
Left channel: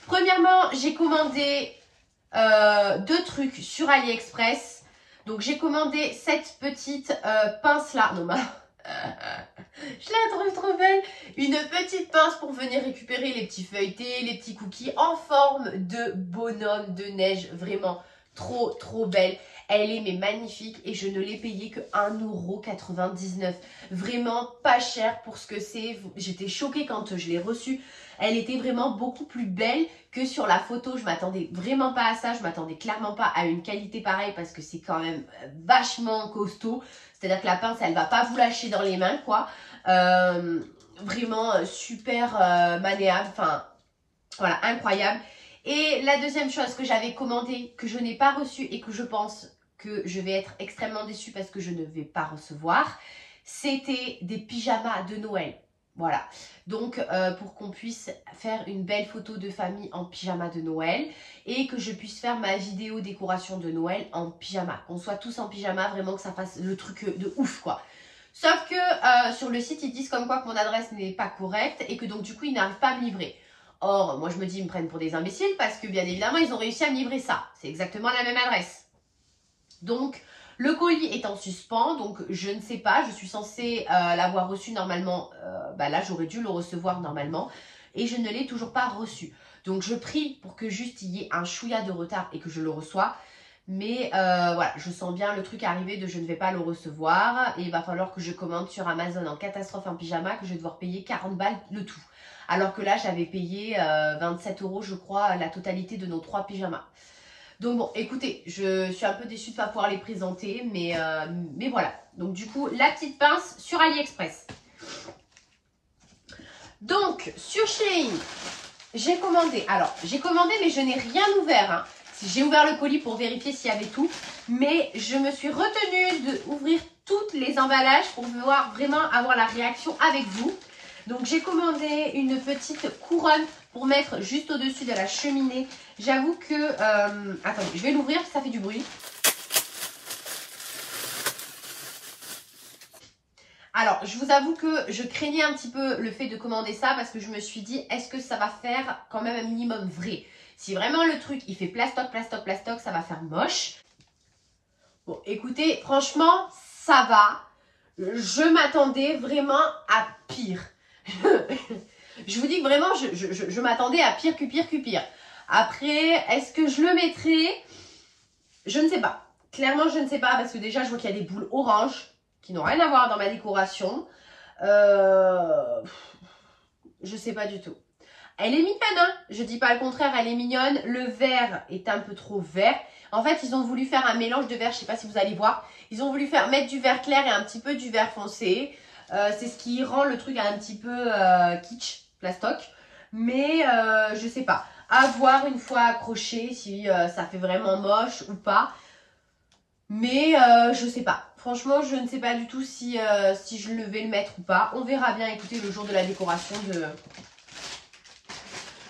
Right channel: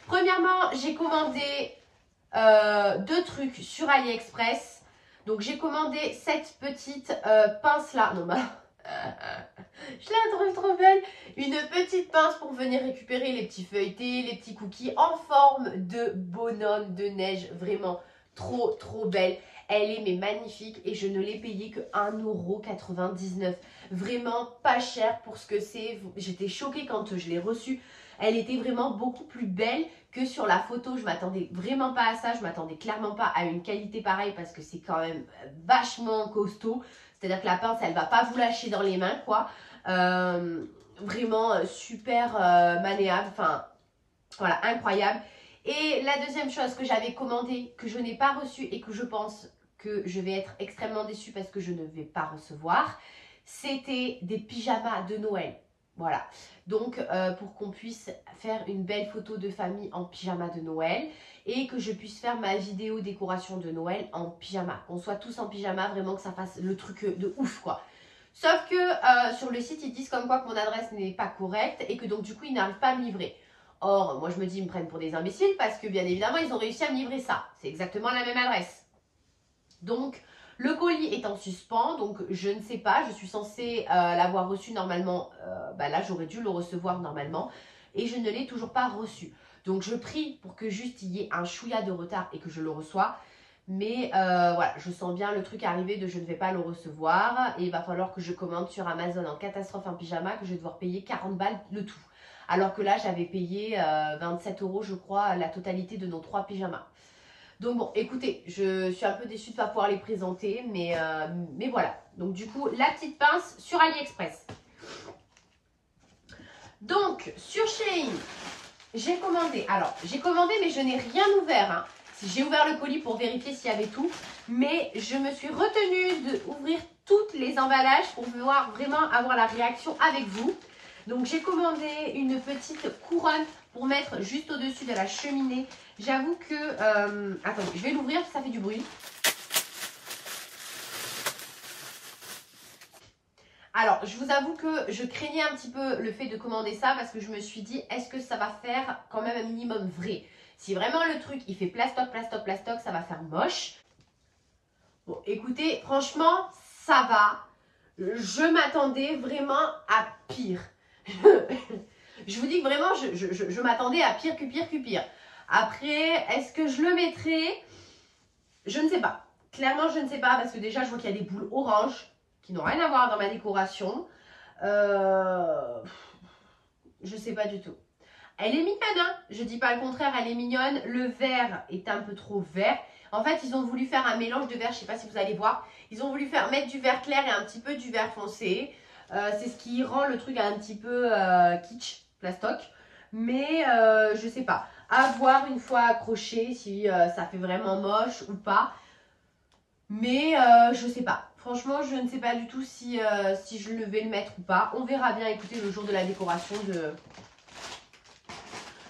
premièrement, j'ai commandé deux trucs sur AliExpress. Donc, j'ai commandé cette petite pince-là. Non, je la trouve trop belle. Une petite pince pour venir récupérer les petits feuilletés, les petits cookies en forme de bonhomme de neige. Vraiment trop, trop belle. Elle est mais magnifique et je ne l'ai payée que 1,99 €. Vraiment pas cher pour ce que c'est. J'étais choquée quand je l'ai reçue. Elle était vraiment beaucoup plus belle que sur la photo. Je m'attendais vraiment pas à ça. Je m'attendais clairement pas à une qualité pareille parce que c'est quand même vachement costaud. C'est-à-dire que la pince, elle va pas vous lâcher dans les mains, quoi. Vraiment super maniable. Enfin, voilà, incroyable. Et la deuxième chose que j'avais commandée, que je n'ai pas reçue et que je pense que je vais être extrêmement déçue parce que je ne vais pas recevoir, c'était des pyjamas de Noël. Voilà, donc pour qu'on puisse faire une belle photo de famille en pyjama de Noël et que je puisse faire ma vidéo décoration de Noël en pyjama. Qu'on soit tous en pyjama, vraiment que ça fasse le truc de ouf, quoi. Sauf que sur le site, ils disent comme quoi que mon adresse n'est pas correcte et que donc du coup, ils n'arrivent pas à me livrer. Or, moi je me dis, ils me prennent pour des imbéciles parce que bien évidemment, ils ont réussi à me livrer ça. C'est exactement la même adresse. Donc, le colis est en suspens, donc je ne sais pas, je suis censée l'avoir reçu normalement, là j'aurais dû le recevoir normalement, et je ne l'ai toujours pas reçu. Donc je prie pour que juste il y ait un chouïa de retard et que je le reçois, mais voilà, je sens bien le truc arriver de je ne vais pas le recevoir, et il va falloir que je commande sur Amazon en catastrophe en pyjama, que je vais devoir payer 40 balles le tout. Alors que là j'avais payé 27 € je crois la totalité de nos 3 pyjamas. Donc bon, écoutez, je suis un peu déçue de ne pas pouvoir les présenter, mais voilà. Donc du coup, la petite pince sur AliExpress. Donc, sur Shein, j'ai commandé. Alors, j'ai commandé, mais je n'ai rien ouvert. Hein. J'ai ouvert le colis pour vérifier s'il y avait tout, mais je me suis retenue d'ouvrir tous les emballages pour pouvoir vraiment avoir la réaction avec vous. Donc, j'ai commandé une petite couronne pour mettre juste au-dessus de la cheminée. J'avoue que... attendez, je vais l'ouvrir, ça fait du bruit. Alors, je vous avoue que je craignais un petit peu le fait de commander ça parce que je me suis dit, est-ce que ça va faire quand même un minimum vrai? Si vraiment le truc, il fait plastoc, plastoc, plastoc, ça va faire moche. Bon, écoutez, franchement, ça va. Je m'attendais vraiment à pire. Je vous dis que vraiment, je m'attendais à pire que pire que pire. Après, est-ce que je le mettrai? Je ne sais pas. Clairement, je ne sais pas parce que déjà, je vois qu'il y a des boules oranges qui n'ont rien à voir dans ma décoration. Je sais pas du tout. Elle est mignonne, hein, je dis pas le contraire, elle est mignonne. Le vert est un peu trop vert. En fait, ils ont voulu faire un mélange de vert, je sais pas si vous allez voir. Ils ont voulu mettre du vert clair et un petit peu du vert foncé. C'est ce qui rend le truc un petit peu kitsch, plastoc. Mais je sais pas. À voir une fois accroché si ça fait vraiment moche ou pas. Mais je sais pas. Franchement, je ne sais pas du tout si je vais le mettre ou pas. On verra bien, écoutez, le jour de la décoration de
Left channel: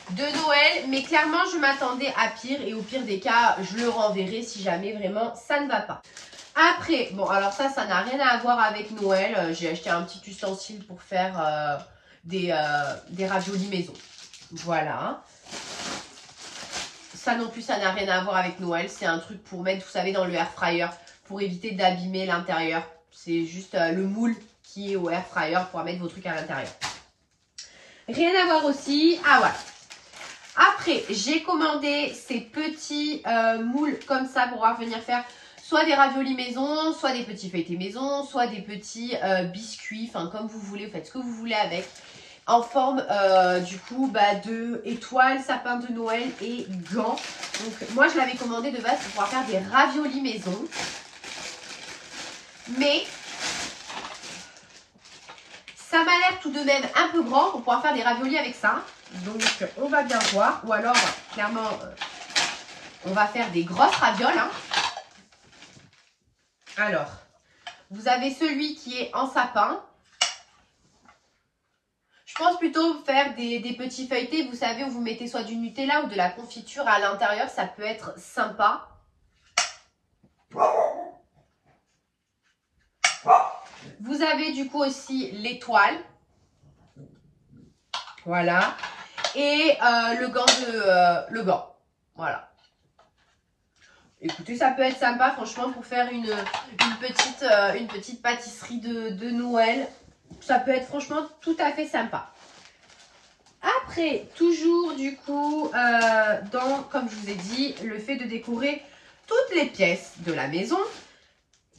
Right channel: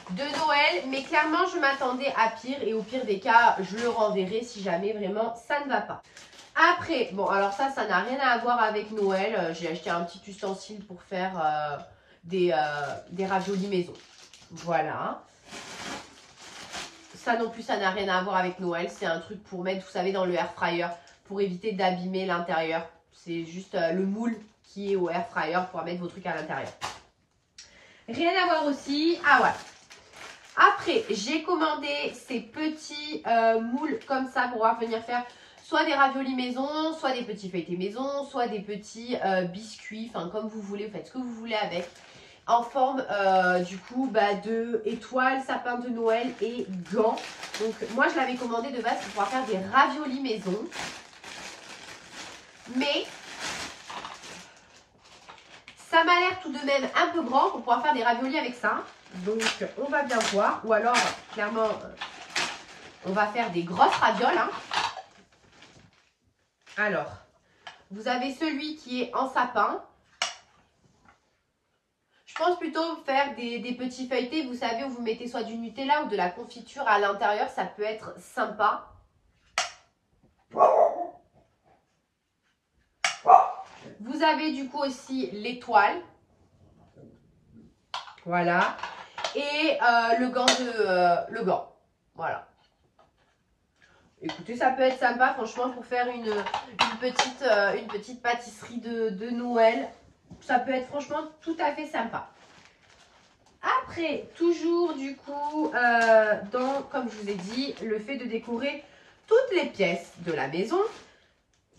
Noël. Mais clairement, je m'attendais à pire. Et au pire des cas, je le renverrai si jamais vraiment ça ne va pas. Après, bon, alors ça n'a rien à voir avec Noël. J'ai acheté un petit ustensile pour faire des raviolis maison. Voilà. Ça non plus, ça n'a rien à voir avec Noël. C'est un truc pour mettre, vous savez, dans le air fryer pour éviter d'abîmer l'intérieur. C'est juste le moule qui est au air fryer pour mettre vos trucs à l'intérieur. Rien à voir aussi. Ah voilà. Après, j'ai commandé ces petits moules comme ça pour pouvoir venir faire soit des raviolis maison, soit des petits feuilletés maison, soit des petits biscuits. Enfin, comme vous voulez, vous faites ce que vous voulez avec. En forme du coup de étoiles, sapin de Noël et gants. Donc moi je l'avais commandé de base pour pouvoir faire des raviolis maison. Mais ça m'a l'air tout de même un peu grand pour pouvoir faire des raviolis avec ça. Donc on va bien voir. Ou alors clairement on va faire des grosses ravioles. Hein. Alors, vous avez celui qui est en sapin. Je pense plutôt faire des petits feuilletés, vous savez, où vous mettez soit du Nutella ou de la confiture à l'intérieur. Ça peut être sympa. Vous avez du coup aussi l'étoile. Voilà. Et le gant. Voilà. Écoutez, ça peut être sympa, franchement, pour faire une petite pâtisserie de Noël. Ça peut être franchement tout à fait sympa. Après, toujours du coup, comme je vous ai dit, le fait de décorer toutes les pièces de la maison,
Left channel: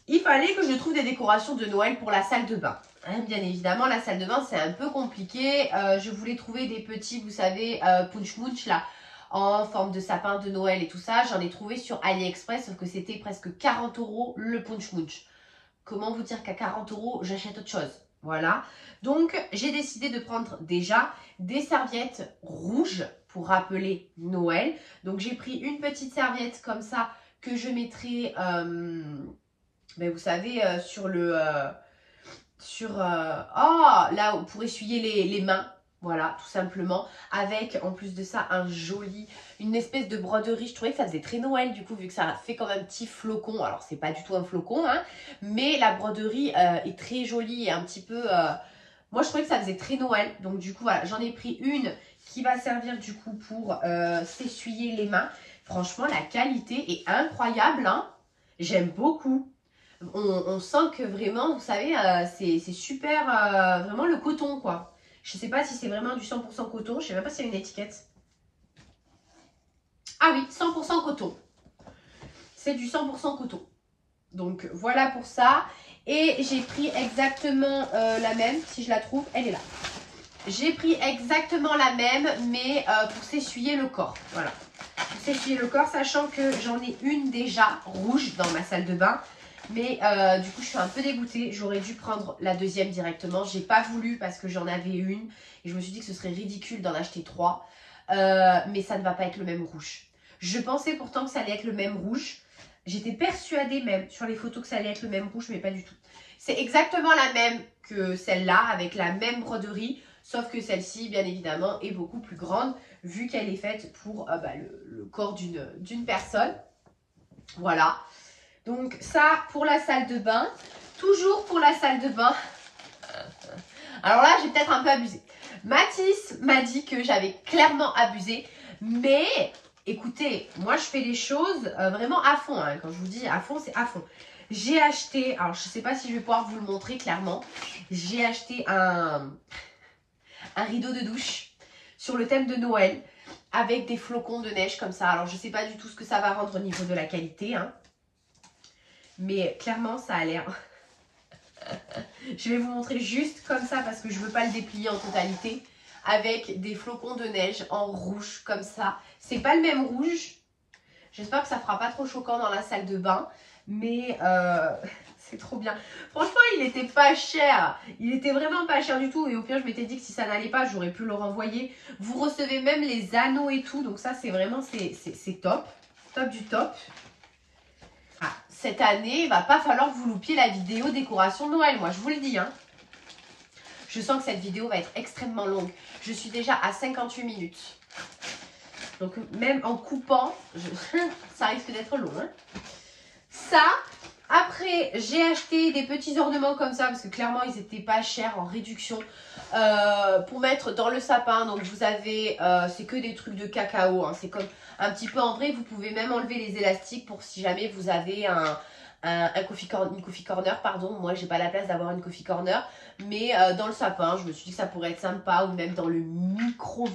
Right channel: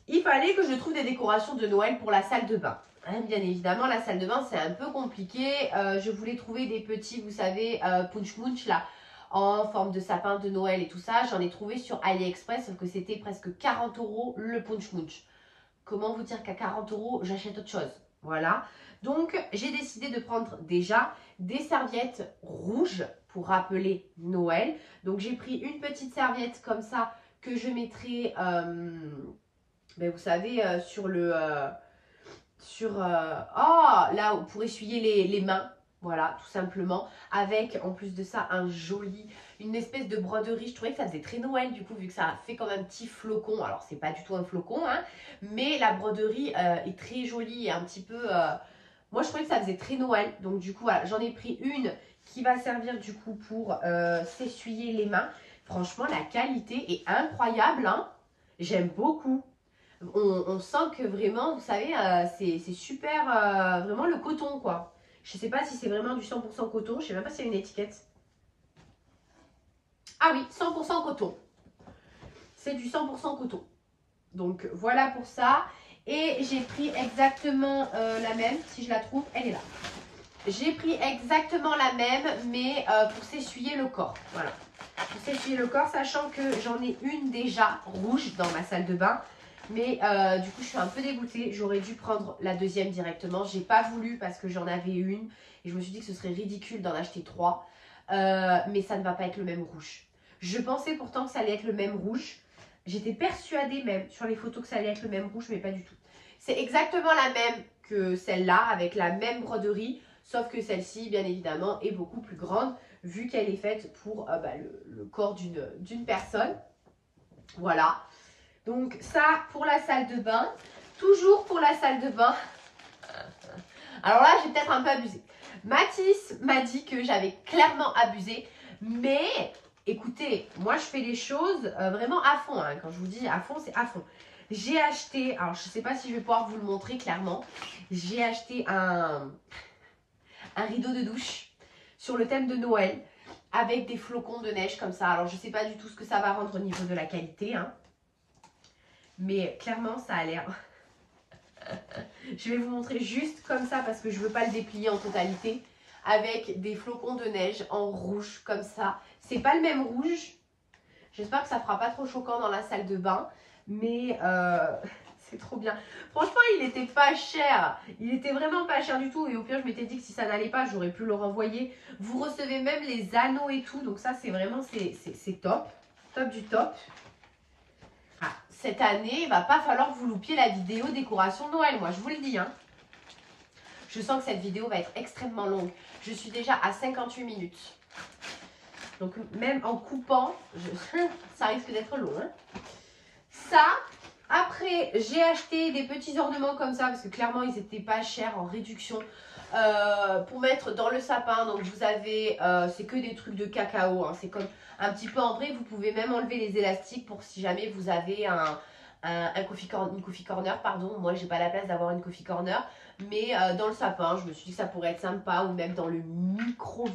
il fallait que je trouve des décorations de Noël pour la salle de bain. Hein, bien évidemment, la salle de bain, c'est un peu compliqué. Je voulais trouver des petits, vous savez, punch munch là, en forme de sapin de Noël et tout ça. J'en ai trouvé sur AliExpress, sauf que c'était presque 40 € le punch munch. Comment vous dire qu'à 40 €, j'achète autre chose. Voilà. Donc, j'ai décidé de prendre déjà des serviettes rouges pour rappeler Noël. Donc, j'ai pris une petite serviette comme ça que je mettrai, vous savez, là, pour essuyer les mains. Voilà, tout simplement. Avec, en plus de ça, une espèce de broderie. Je trouvais que ça faisait très Noël, du coup, vu que ça fait comme un petit flocon. Alors, c'est pas du tout un flocon, hein. Mais la broderie est très jolie et un petit peu... moi, je trouvais que ça faisait très Noël. Donc, du coup, voilà, j'en ai pris une qui va servir, du coup, pour s'essuyer les mains. Franchement, la qualité est incroyable, hein. J'aime beaucoup. On sent que vraiment, vous savez, c'est super, vraiment le coton, quoi. Je ne sais pas si c'est vraiment du 100% coton. Je ne sais même pas s'il y a une étiquette. Ah oui, 100% coton. C'est du 100% coton. Donc, voilà pour ça. Et j'ai pris exactement la même. Si je la trouve, elle est là. J'ai pris exactement la même, mais pour s'essuyer le corps. Voilà. Pour s'essuyer le corps, sachant que j'en ai une déjà rouge dans ma salle de bain. Mais du coup, je suis un peu dégoûtée. J'aurais dû prendre la deuxième directement. J'ai pas voulu parce que j'en avais une. Et je me suis dit que ce serait ridicule d'en acheter 3. Mais ça ne va pas être le même rouge. Je pensais pourtant que ça allait être le même rouge. J'étais persuadée même sur les photos que ça allait être le même rouge, mais pas du tout. C'est exactement la même que celle-là, avec la même broderie. Sauf que celle-ci, bien évidemment, est beaucoup plus grande, vu qu'elle est faite pour le corps d'une personne. Voilà. Donc ça, pour la salle de bain. Toujours pour la salle de bain, Alors là, j'ai peut-être un peu abusé. Mathis m'a dit que j'avais clairement abusé. Mais écoutez, moi je fais les choses vraiment à fond. Hein. Quand je vous dis à fond, c'est à fond. J'ai acheté, alors je ne sais pas si je vais pouvoir vous le montrer clairement. J'ai acheté un rideau de douche sur le thème de Noël avec des flocons de neige comme ça. Alors je ne sais pas du tout ce que ça va rendre au niveau de la qualité. Hein. Mais clairement, ça a l'air... Je vais vous montrer juste comme ça parce que je ne veux pas le déplier en totalité. Avec des flocons de neige en rouge comme ça. C'est pas le même rouge. J'espère que ça fera pas trop choquant dans la salle de bain. Mais c'est trop bien. Franchement, il était pas cher. Il était vraiment pas cher du tout. Et au pire, je m'étais dit que si ça n'allait pas, j'aurais pu le renvoyer. Vous recevez même les anneaux et tout. Donc ça, c'est vraiment, c'est top. Top du top. Ah, cette année, il va pas falloir que vous loupiez la vidéo décoration de Noël. Moi, je vous le dis. Hein. Je sens que cette vidéo va être extrêmement longue. Je suis déjà à 58 minutes. Donc, même en coupant, ça risque d'être long. Hein. Ça, après, j'ai acheté des petits ornements comme ça parce que clairement, ils n'étaient pas chers en réduction pour mettre dans le sapin. Donc, vous avez, c'est que des trucs de cacao. Hein. C'est comme un petit peu en vrai. Vous pouvez même enlever les élastiques pour si jamais vous avez une coffee corner, pardon. Moi, j'ai pas la place d'avoir une coffee corner. Mais dans le sapin, je me suis dit que ça pourrait être sympa. Ou même dans le micro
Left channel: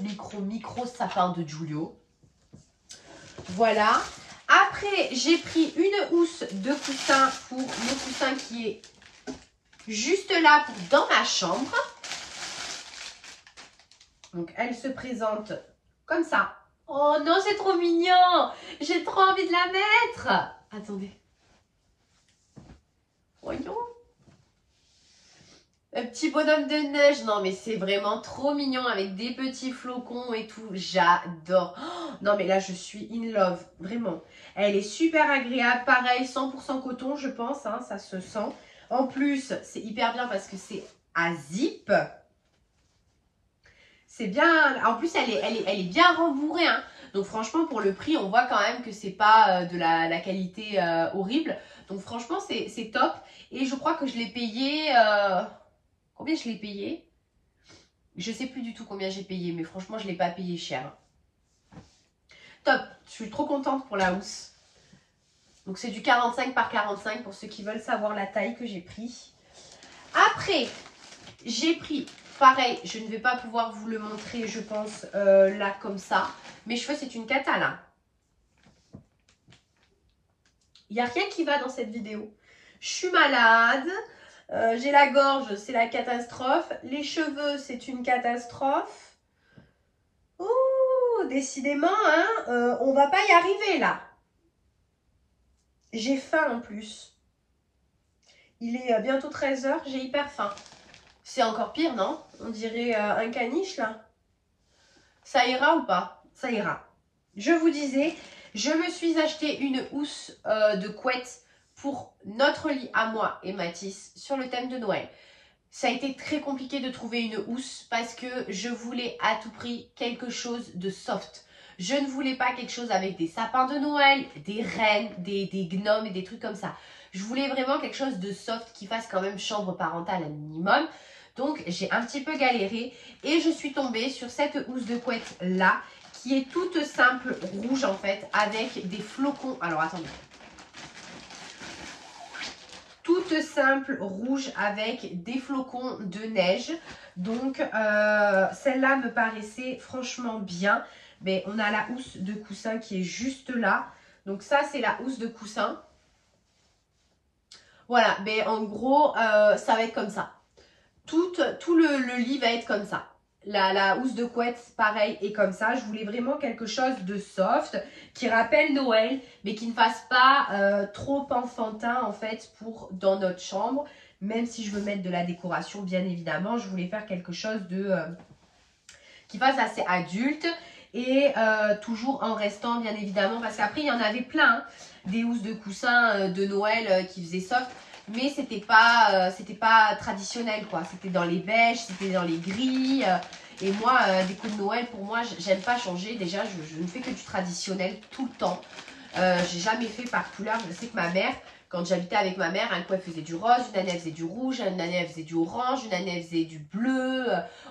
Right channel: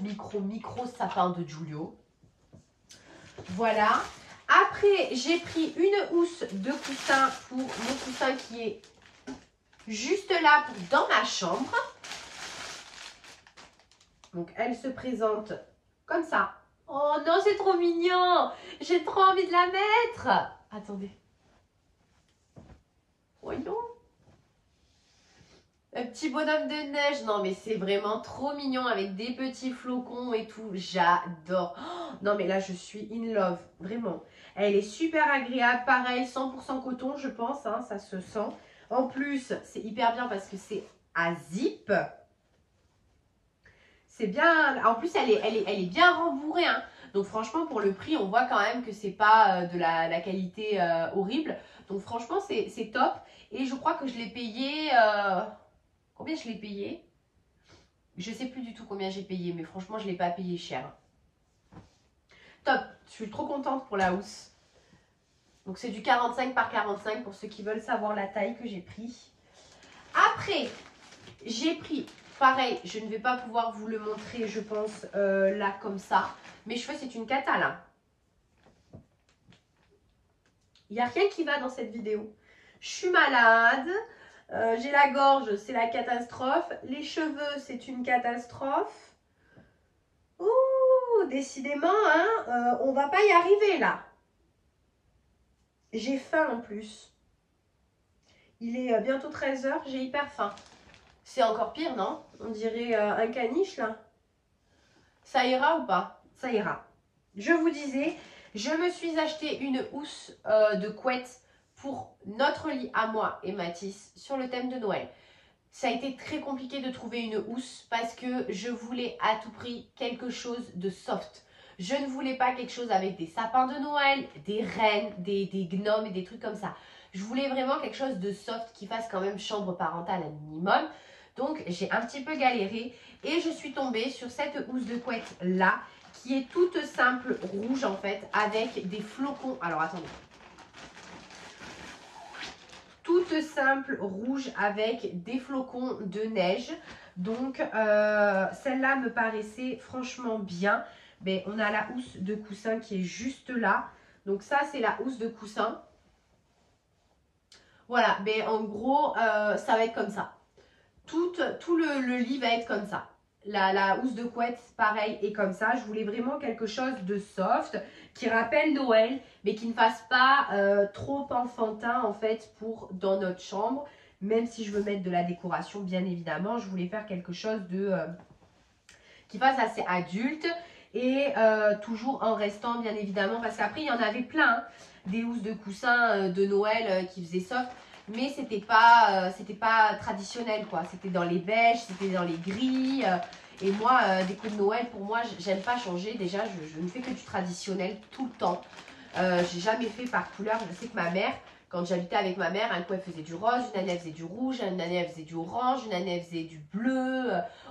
sapin de Giulio. Voilà. Après, j'ai pris une housse de coussin pour mon coussin qui est juste là dans ma chambre. Donc, elle se présente comme ça. Oh non, c'est trop mignon. J'ai trop envie de la mettre. Attendez. Voyons. Un petit bonhomme de neige. Non, mais c'est vraiment trop mignon avec des petits flocons et tout. J'adore. Oh, non, mais là, je suis in love. Vraiment. Elle est super agréable. Pareil, 100% coton, je pense. Hein, ça se sent. En plus, c'est hyper bien parce que c'est à zip. C'est bien. En plus, elle est bien rembourrée. Hein. Donc, franchement, pour le prix, on voit quand même que c'est pas de la qualité horrible. Donc, franchement, c'est top. Et je crois que je l'ai payé... Combien je l'ai payé? Je ne sais plus du tout combien j'ai payé, mais franchement, je ne l'ai pas payé cher. Top, je suis trop contente pour la housse. Donc, c'est du 45 par 45 pour ceux qui veulent savoir la taille que j'ai pris. Après, j'ai pris, pareil, je ne vais pas pouvoir vous le montrer, je pense, là, comme ça. Mes cheveux, c'est une cata, là. Il n'y a rien qui va dans cette vidéo. Je suis malade. J'ai la gorge, c'est la catastrophe. Les cheveux, c'est une catastrophe. Ouh, décidément, hein, on va pas y arriver là. J'ai faim en plus. Il est bientôt 13 h, j'ai hyper faim. C'est encore pire, non? On dirait un caniche là. Ça ira ou pas? Ça ira. Je vous disais, je me suis acheté une housse de couette pour notre lit à moi et Mathis sur le thème de Noël. Ça a été très compliqué de trouver une housse parce que je voulais à tout prix quelque chose de soft. Je ne voulais pas quelque chose avec des sapins de Noël, des rennes, des gnomes et des trucs comme ça. Je voulais vraiment quelque chose de soft qui fasse quand même chambre parentale à minimum. Donc j'ai un petit peu galéré et je suis tombée sur cette housse de couette là qui est toute simple rouge en fait avec des flocons. Alors attendez. Toute simple rouge avec des flocons de neige. Donc celle-là me paraissait franchement bien. Mais on a la housse de coussin qui est juste là. Donc ça c'est la housse de coussin. Voilà, mais en gros ça va être comme ça. Tout le lit va être comme ça. La housse de couette, pareil, est comme ça. Je voulais vraiment quelque chose de soft, qui rappelle Noël, mais qui ne fasse pas trop enfantin, en fait, pour dans notre chambre. Même si je veux mettre de la décoration, bien évidemment, je voulais faire quelque chose de qui fasse assez adulte. Et toujours en restant, bien évidemment, parce qu'après, il y en avait plein, hein, des housses de coussins de Noël qui faisaient soft. Mais c'était pas traditionnel quoi. C'était dans les beiges, c'était dans les gris. Et moi, des coups de Noël, pour moi, j'aime pas changer. Déjà, je ne fais que du traditionnel tout le temps. J'ai jamais fait par couleur. Je sais que ma mère, quand j'habitais avec ma mère, une fois elle faisait du rose, une année elle faisait du rouge, une année elle faisait du orange, une année elle faisait du bleu.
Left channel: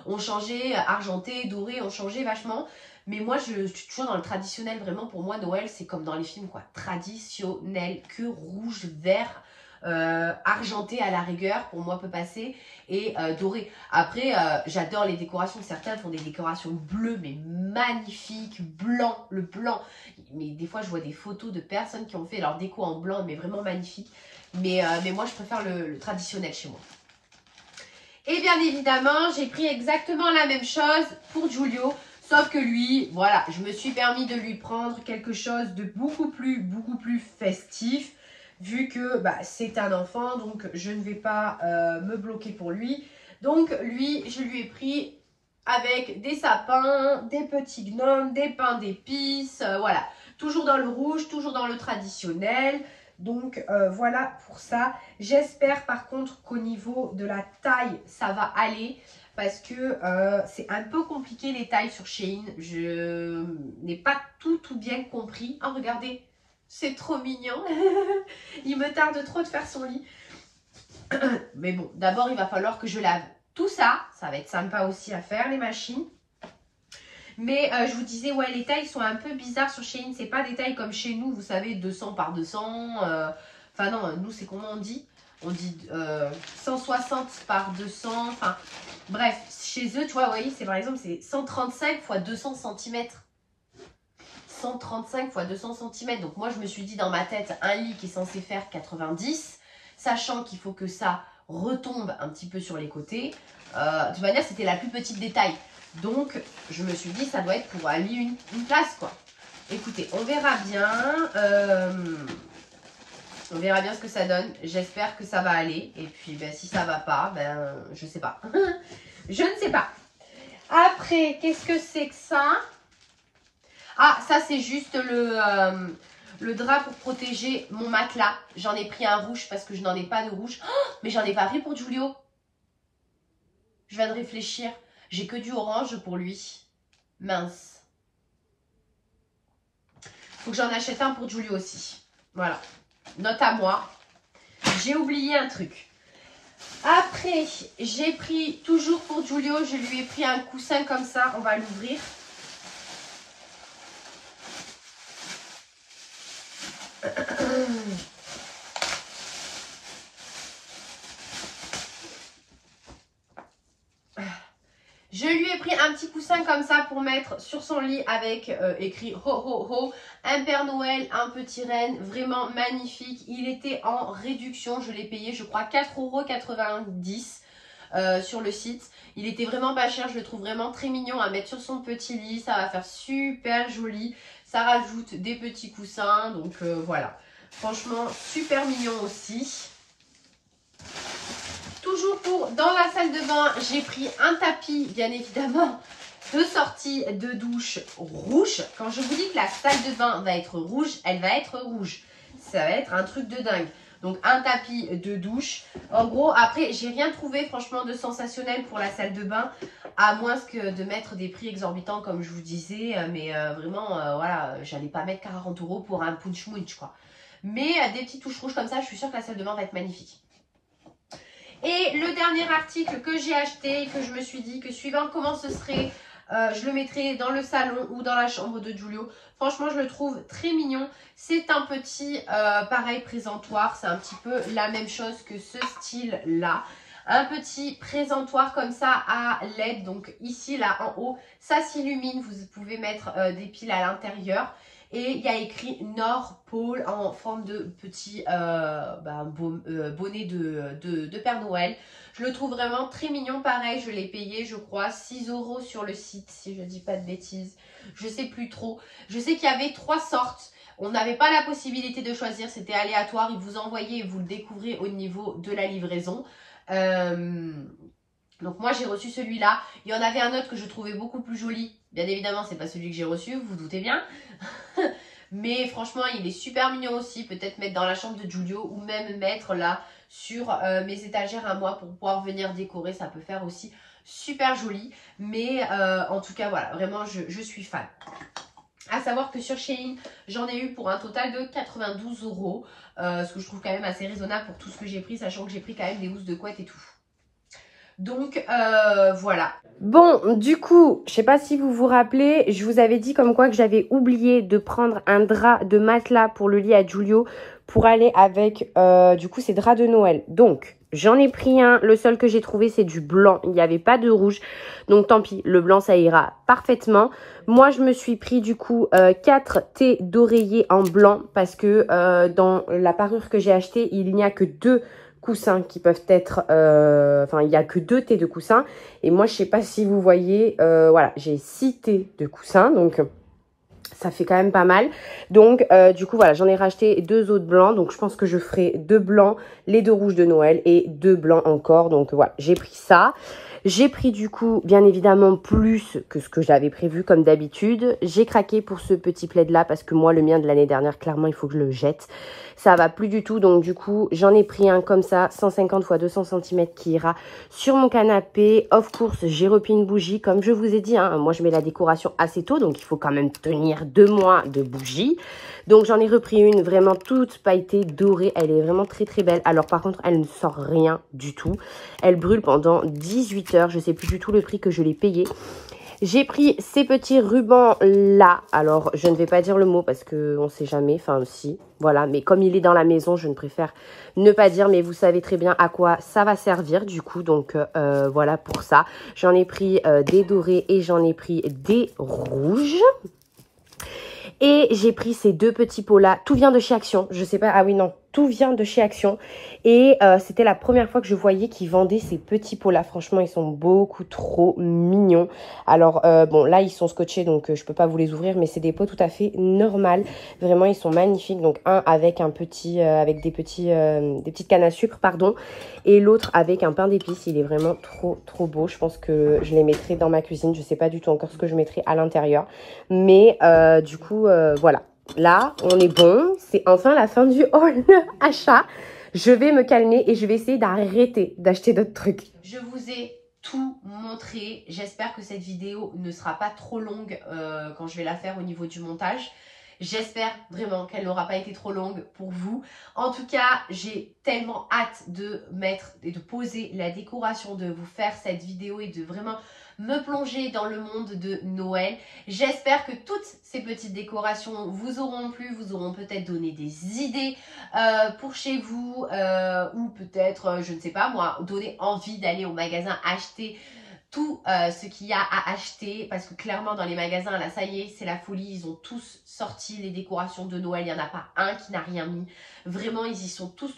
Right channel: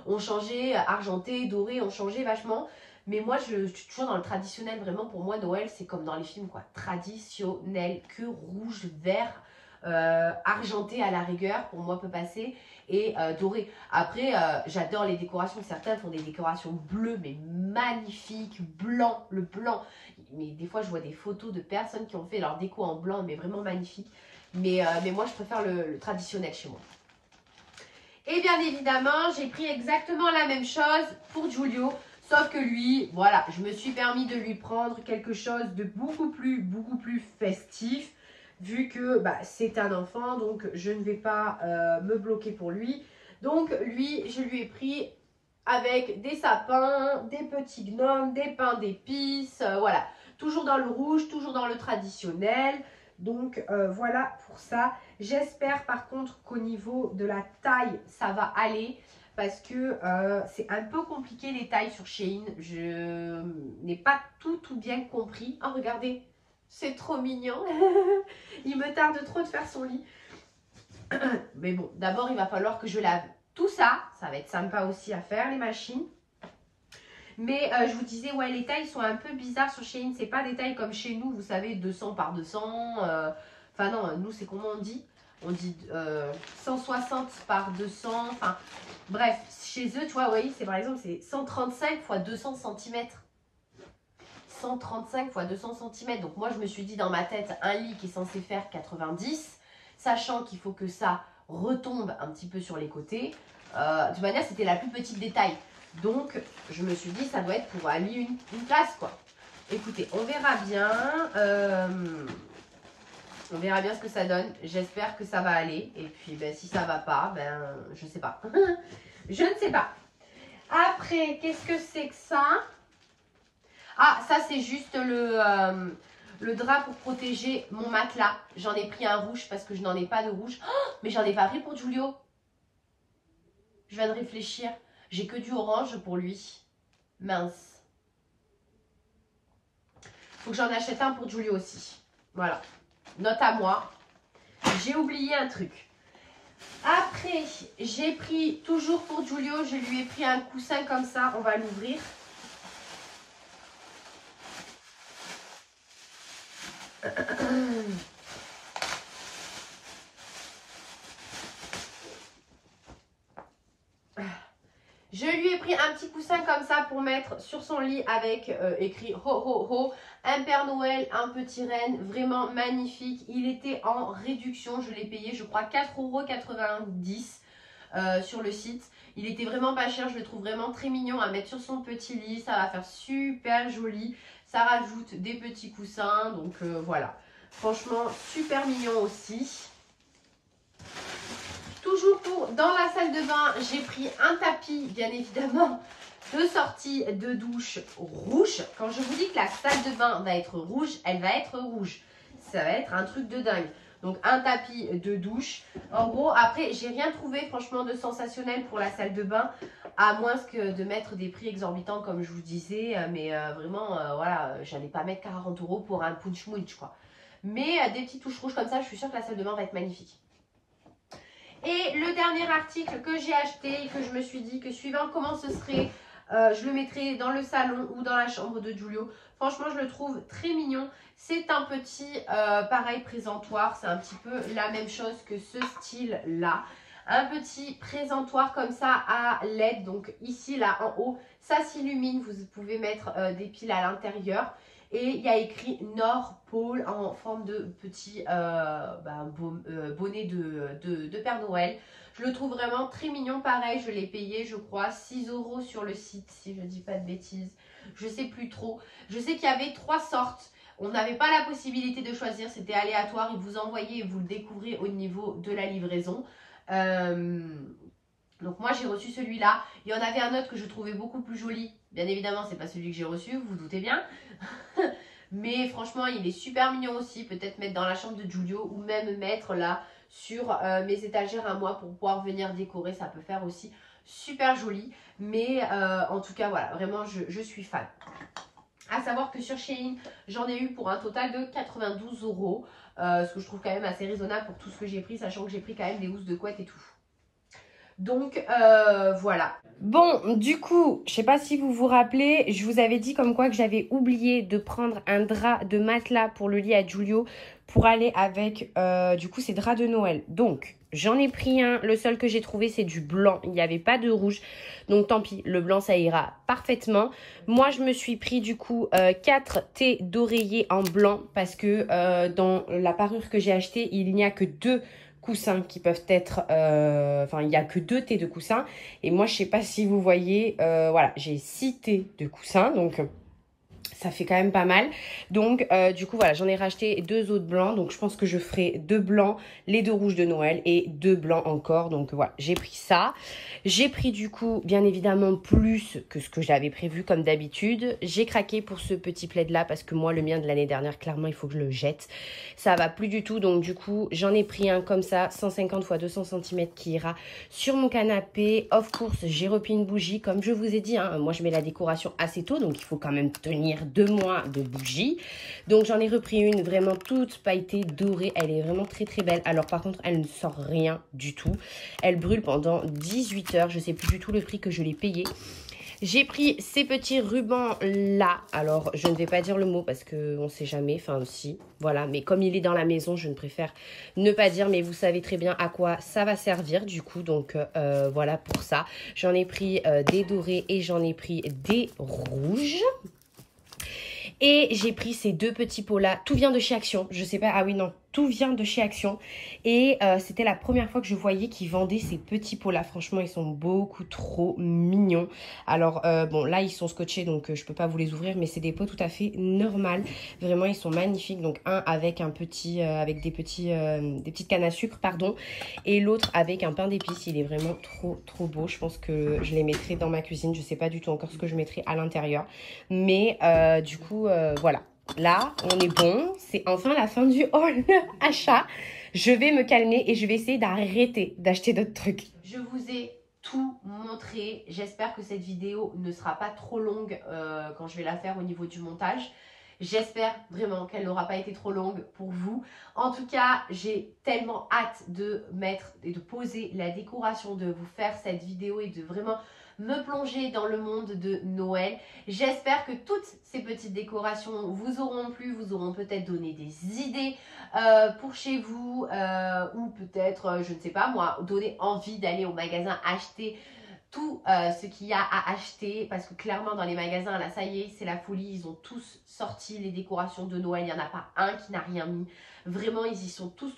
On changeait argenté, doré, on changeait vachement. Mais moi, je suis toujours dans le traditionnel. Vraiment, pour moi, Noël, c'est comme dans les films, quoi. Traditionnel, que rouge, vert, argenté à la rigueur, pour moi, peut passer. Et doré. Après, j'adore les décorations. Certains font des décorations bleues, mais magnifiques. Blanc, le blanc. Mais des fois, je vois des photos de personnes qui ont fait leur déco en blanc, mais vraiment magnifiques. Mais moi, je préfère le traditionnel chez moi. Et bien évidemment, j'ai pris exactement la même chose pour Giulio. Sauf que lui, voilà, je me suis permis de lui prendre quelque chose de beaucoup plus festif. Vu que c'est un enfant, donc je ne vais pas me bloquer pour lui. Donc lui, je lui ai pris avec des sapins, des petits gnomes, des pains d'épices. Voilà, toujours dans le rouge, toujours dans le traditionnel. Donc voilà pour ça. J'espère par contre qu'au niveau de la taille, ça va aller. Parce que c'est un peu compliqué les tailles sur Shein. Je n'ai pas tout bien compris. Oh, regardez, c'est trop mignon. Il me tarde trop de faire son lit. Mais bon, d'abord, il va falloir que je lave tout ça. Ça va être sympa aussi à faire, les machines. Mais je vous disais, ouais, les tailles sont un peu bizarres sur Shein. C'est pas des tailles comme chez nous, vous savez, 200 par 200. Enfin non, nous, c'est comment on dit? On dit 160 par 200. Enfin, bref, chez eux, tu vois, oui, c'est par exemple, c'est 135 x 200 cm. 135 x 200 cm. Donc moi, je me suis dit dans ma tête, un lit qui est censé faire 90, sachant qu'il faut que ça retombe un petit peu sur les côtés. De toute manière, c'était la plus petite des tailles. Donc, je me suis dit, ça doit être pour un lit, une place, quoi. Écoutez, on verra bien. On verra bien ce que ça donne. J'espère que ça va aller. Et puis, si ça va pas, je sais pas. Je ne sais pas. Après, qu'est-ce que c'est que ça? Ah, ça, c'est juste le drap pour protéger mon matelas. J'en ai pris un rouge parce que je n'en ai pas de rouge. Oh, mais j'en ai pas pris pour Giulio. Je viens de réfléchir. J'ai que du orange pour lui. Mince. Faut que j'en achète un pour Giulio aussi. Voilà. Note à moi. J'ai oublié un truc. Après, j'ai pris, toujours pour Giulio, je lui ai pris un coussin comme ça. On va l'ouvrir. Je lui ai pris un petit coussin comme ça pour mettre sur son lit avec écrit ho ho ho, un Père Noël, un petit renne, vraiment magnifique. Il était en réduction, je l'ai payé je crois 4,90 € sur le site. Il était vraiment pas cher, je le trouve vraiment très mignon à mettre sur son petit lit, ça va faire super joli. Ça rajoute des petits coussins, donc voilà. Franchement, super mignon aussi. Toujours dans la salle de bain, j'ai pris un tapis, bien évidemment, de sortie de douche rouge. Quand je vous dis que la salle de bain va être rouge, elle va être rouge. Ça va être un truc de dingue. Donc, un tapis de douche. En gros, après, j'ai rien trouvé franchement de sensationnel pour la salle de bain. À moins que de mettre des prix exorbitants, comme je vous disais. Mais vraiment, voilà, j'allais pas mettre 40 € pour un punch munch, quoi. Mais des petites touches rouges comme ça, je suis sûre que la salle de bain va être magnifique. Et le dernier article que j'ai acheté, que je me suis dit que suivant comment ce serait, je le mettrai dans le salon ou dans la chambre de Giulio. Franchement, je le trouve très mignon. C'est un petit, pareil, présentoir. C'est un petit peu la même chose que ce style-là. Un petit présentoir comme ça à LED. Donc ici, là, en haut, ça s'illumine. Vous pouvez mettre des piles à l'intérieur. Et il y a écrit Nord Pôle en forme de petit bonnet de Père Noël. Je le trouve vraiment très mignon. Pareil, je l'ai payé, je crois, 6 € sur le site, si je ne dis pas de bêtises. Je ne sais plus trop. Je sais qu'il y avait 3 sortes. On n'avait pas la possibilité de choisir, c'était aléatoire. Ils vous envoyaient et vous le découvrez au niveau de la livraison. Donc moi, j'ai reçu celui-là. Il y en avait un autre que je trouvais beaucoup plus joli. Bien évidemment, c'est pas celui que j'ai reçu, vous doutez bien. Mais franchement, il est super mignon aussi. Peut-être mettre dans la chambre de Giulio ou même mettre là sur mes étagères à moi pour pouvoir venir décorer. Ça peut faire aussi super joli. Mais en tout cas, voilà, vraiment, je suis fan. À savoir que sur Shein, j'en ai eu pour un total de 92 €, ce que je trouve quand même assez raisonnable pour tout ce que j'ai pris, sachant que j'ai pris quand même des housses de couette et tout. Donc voilà. Bon, du coup, je sais pas si vous vous rappelez, je vous avais dit comme quoi que j'avais oublié de prendre un drap de matelas pour le lit à Giulio pour aller avec, du coup, ces draps de Noël. Donc, j'en ai pris un. Le seul que j'ai trouvé, c'est du blanc. Il n'y avait pas de rouge. Donc, tant pis, le blanc, ça ira parfaitement. Moi, je me suis pris, du coup, 4 thés d'oreiller en blanc parce que dans la parure que j'ai achetée, il n'y a que 2 coussins qui peuvent être, enfin il n'y a que 2 thés de coussins et moi je sais pas si vous voyez, voilà, j'ai 6 thés de coussins, donc ça fait quand même pas mal. Donc du coup voilà, j'en ai racheté 2 autres blancs, donc je pense que je ferai 2 blancs, les 2 rouges de Noël et 2 blancs encore. Donc voilà, j'ai pris ça. J'ai pris du coup, bien évidemment, plus que ce que j'avais prévu comme d'habitude. J'ai craqué pour ce petit plaid là parce que moi, le mien de l'année dernière, clairement, il faut que je le jette. Ça va plus du tout, donc du coup, j'en ai pris un comme ça, 150 x 200 cm qui ira sur mon canapé. Of course, j'ai repris une bougie, comme je vous ai dit, hein, moi je mets la décoration assez tôt, donc il faut quand même tenir 2 mois de bougie. Donc j'en ai repris une vraiment toute pailletée, dorée, elle est vraiment très très belle. Alors par contre, elle ne sort rien du tout. Elle brûle pendant 18 heures, je sais plus du tout le prix que je l'ai payé. J'ai pris ces petits rubans là. Alors, je ne vais pas dire le mot parce qu'on ne sait jamais. Enfin, si, voilà. Mais comme il est dans la maison, je ne préfère ne pas dire. Mais vous savez très bien à quoi ça va servir du coup. Donc, voilà pour ça. J'en ai pris des dorés et j'en ai pris des rouges. Et j'ai pris ces 2 petits pots là. Tout vient de chez Action. Je sais pas. Ah oui, non. Tout vient de chez Action. Et c'était la première fois que je voyais qu'ils vendaient ces petits pots là. Franchement, ils sont beaucoup trop mignons. Alors, bon, là, ils sont scotchés, donc je peux pas vous les ouvrir. Mais c'est des pots tout à fait normales. Vraiment, ils sont magnifiques. Donc, un avec un petit, avec des petites cannes à sucre, pardon. Et l'autre avec un pain d'épices. Il est vraiment trop, trop beau. Je pense que je les mettrai dans ma cuisine. Je sais pas du tout encore ce que je mettrai à l'intérieur. Mais du coup, voilà. Là, on est bon. C'est enfin la fin du haul achat. Je vais me calmer et je vais essayer d'arrêter d'acheter d'autres trucs. Je vous ai tout montré. J'espère que cette vidéo ne sera pas trop longue quand je vais la faire au niveau du montage. J'espère vraiment qu'elle n'aura pas été trop longue pour vous. En tout cas, j'ai tellement hâte de mettre et de poser la décoration, de vous faire cette vidéo et de vraiment me plonger dans le monde de Noël. J'espère que toutes ces petites décorations vous auront plu, vous auront peut-être donné des idées pour chez vous ou peut-être, je ne sais pas moi, donner envie d'aller au magasin acheter tout ce qu'il y a à acheter parce que clairement dans les magasins là ça y est c'est la folie, ils ont tous sorti les décorations de Noël, il n'y en a pas un qui n'a rien mis, vraiment ils y sont tous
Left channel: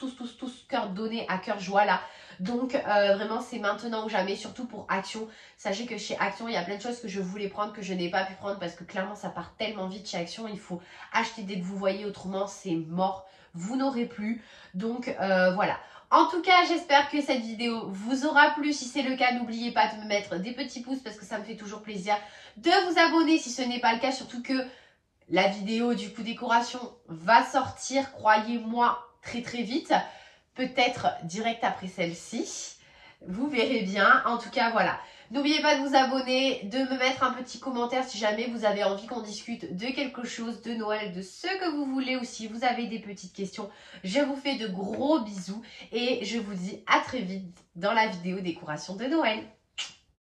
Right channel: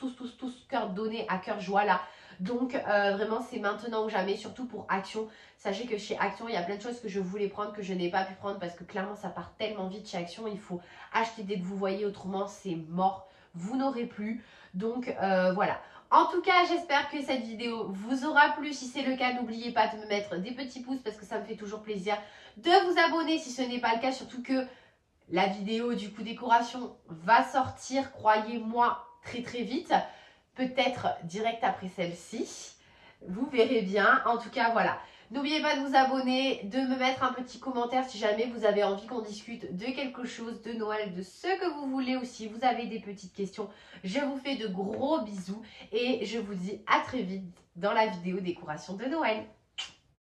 cœur donné à cœur joie là, donc vraiment c'est maintenant ou jamais, surtout pour Action. Sachez que chez Action il y a plein de choses que je voulais prendre que je n'ai pas pu prendre parce que clairement ça part tellement vite chez Action, il faut acheter dès que vous voyez, autrement c'est mort, vous n'aurez plus, donc voilà. En tout cas, j'espère que cette vidéo vous aura plu. Si c'est le cas, n'oubliez pas de me mettre des petits pouces parce que ça me fait toujours plaisir. De vous abonner si ce n'est pas le cas, surtout que la vidéo du coup décoration va sortir, croyez-moi, très très vite. Peut-être direct après celle-ci. Vous verrez bien. En tout cas, voilà. N'oubliez pas de vous abonner, de me mettre un petit commentaire si jamais vous avez envie qu'on discute de quelque chose, de Noël, de ce que vous voulez ou si vous avez des petites questions. Je vous fais de gros bisous et je vous dis à très vite dans la vidéo décoration de Noël.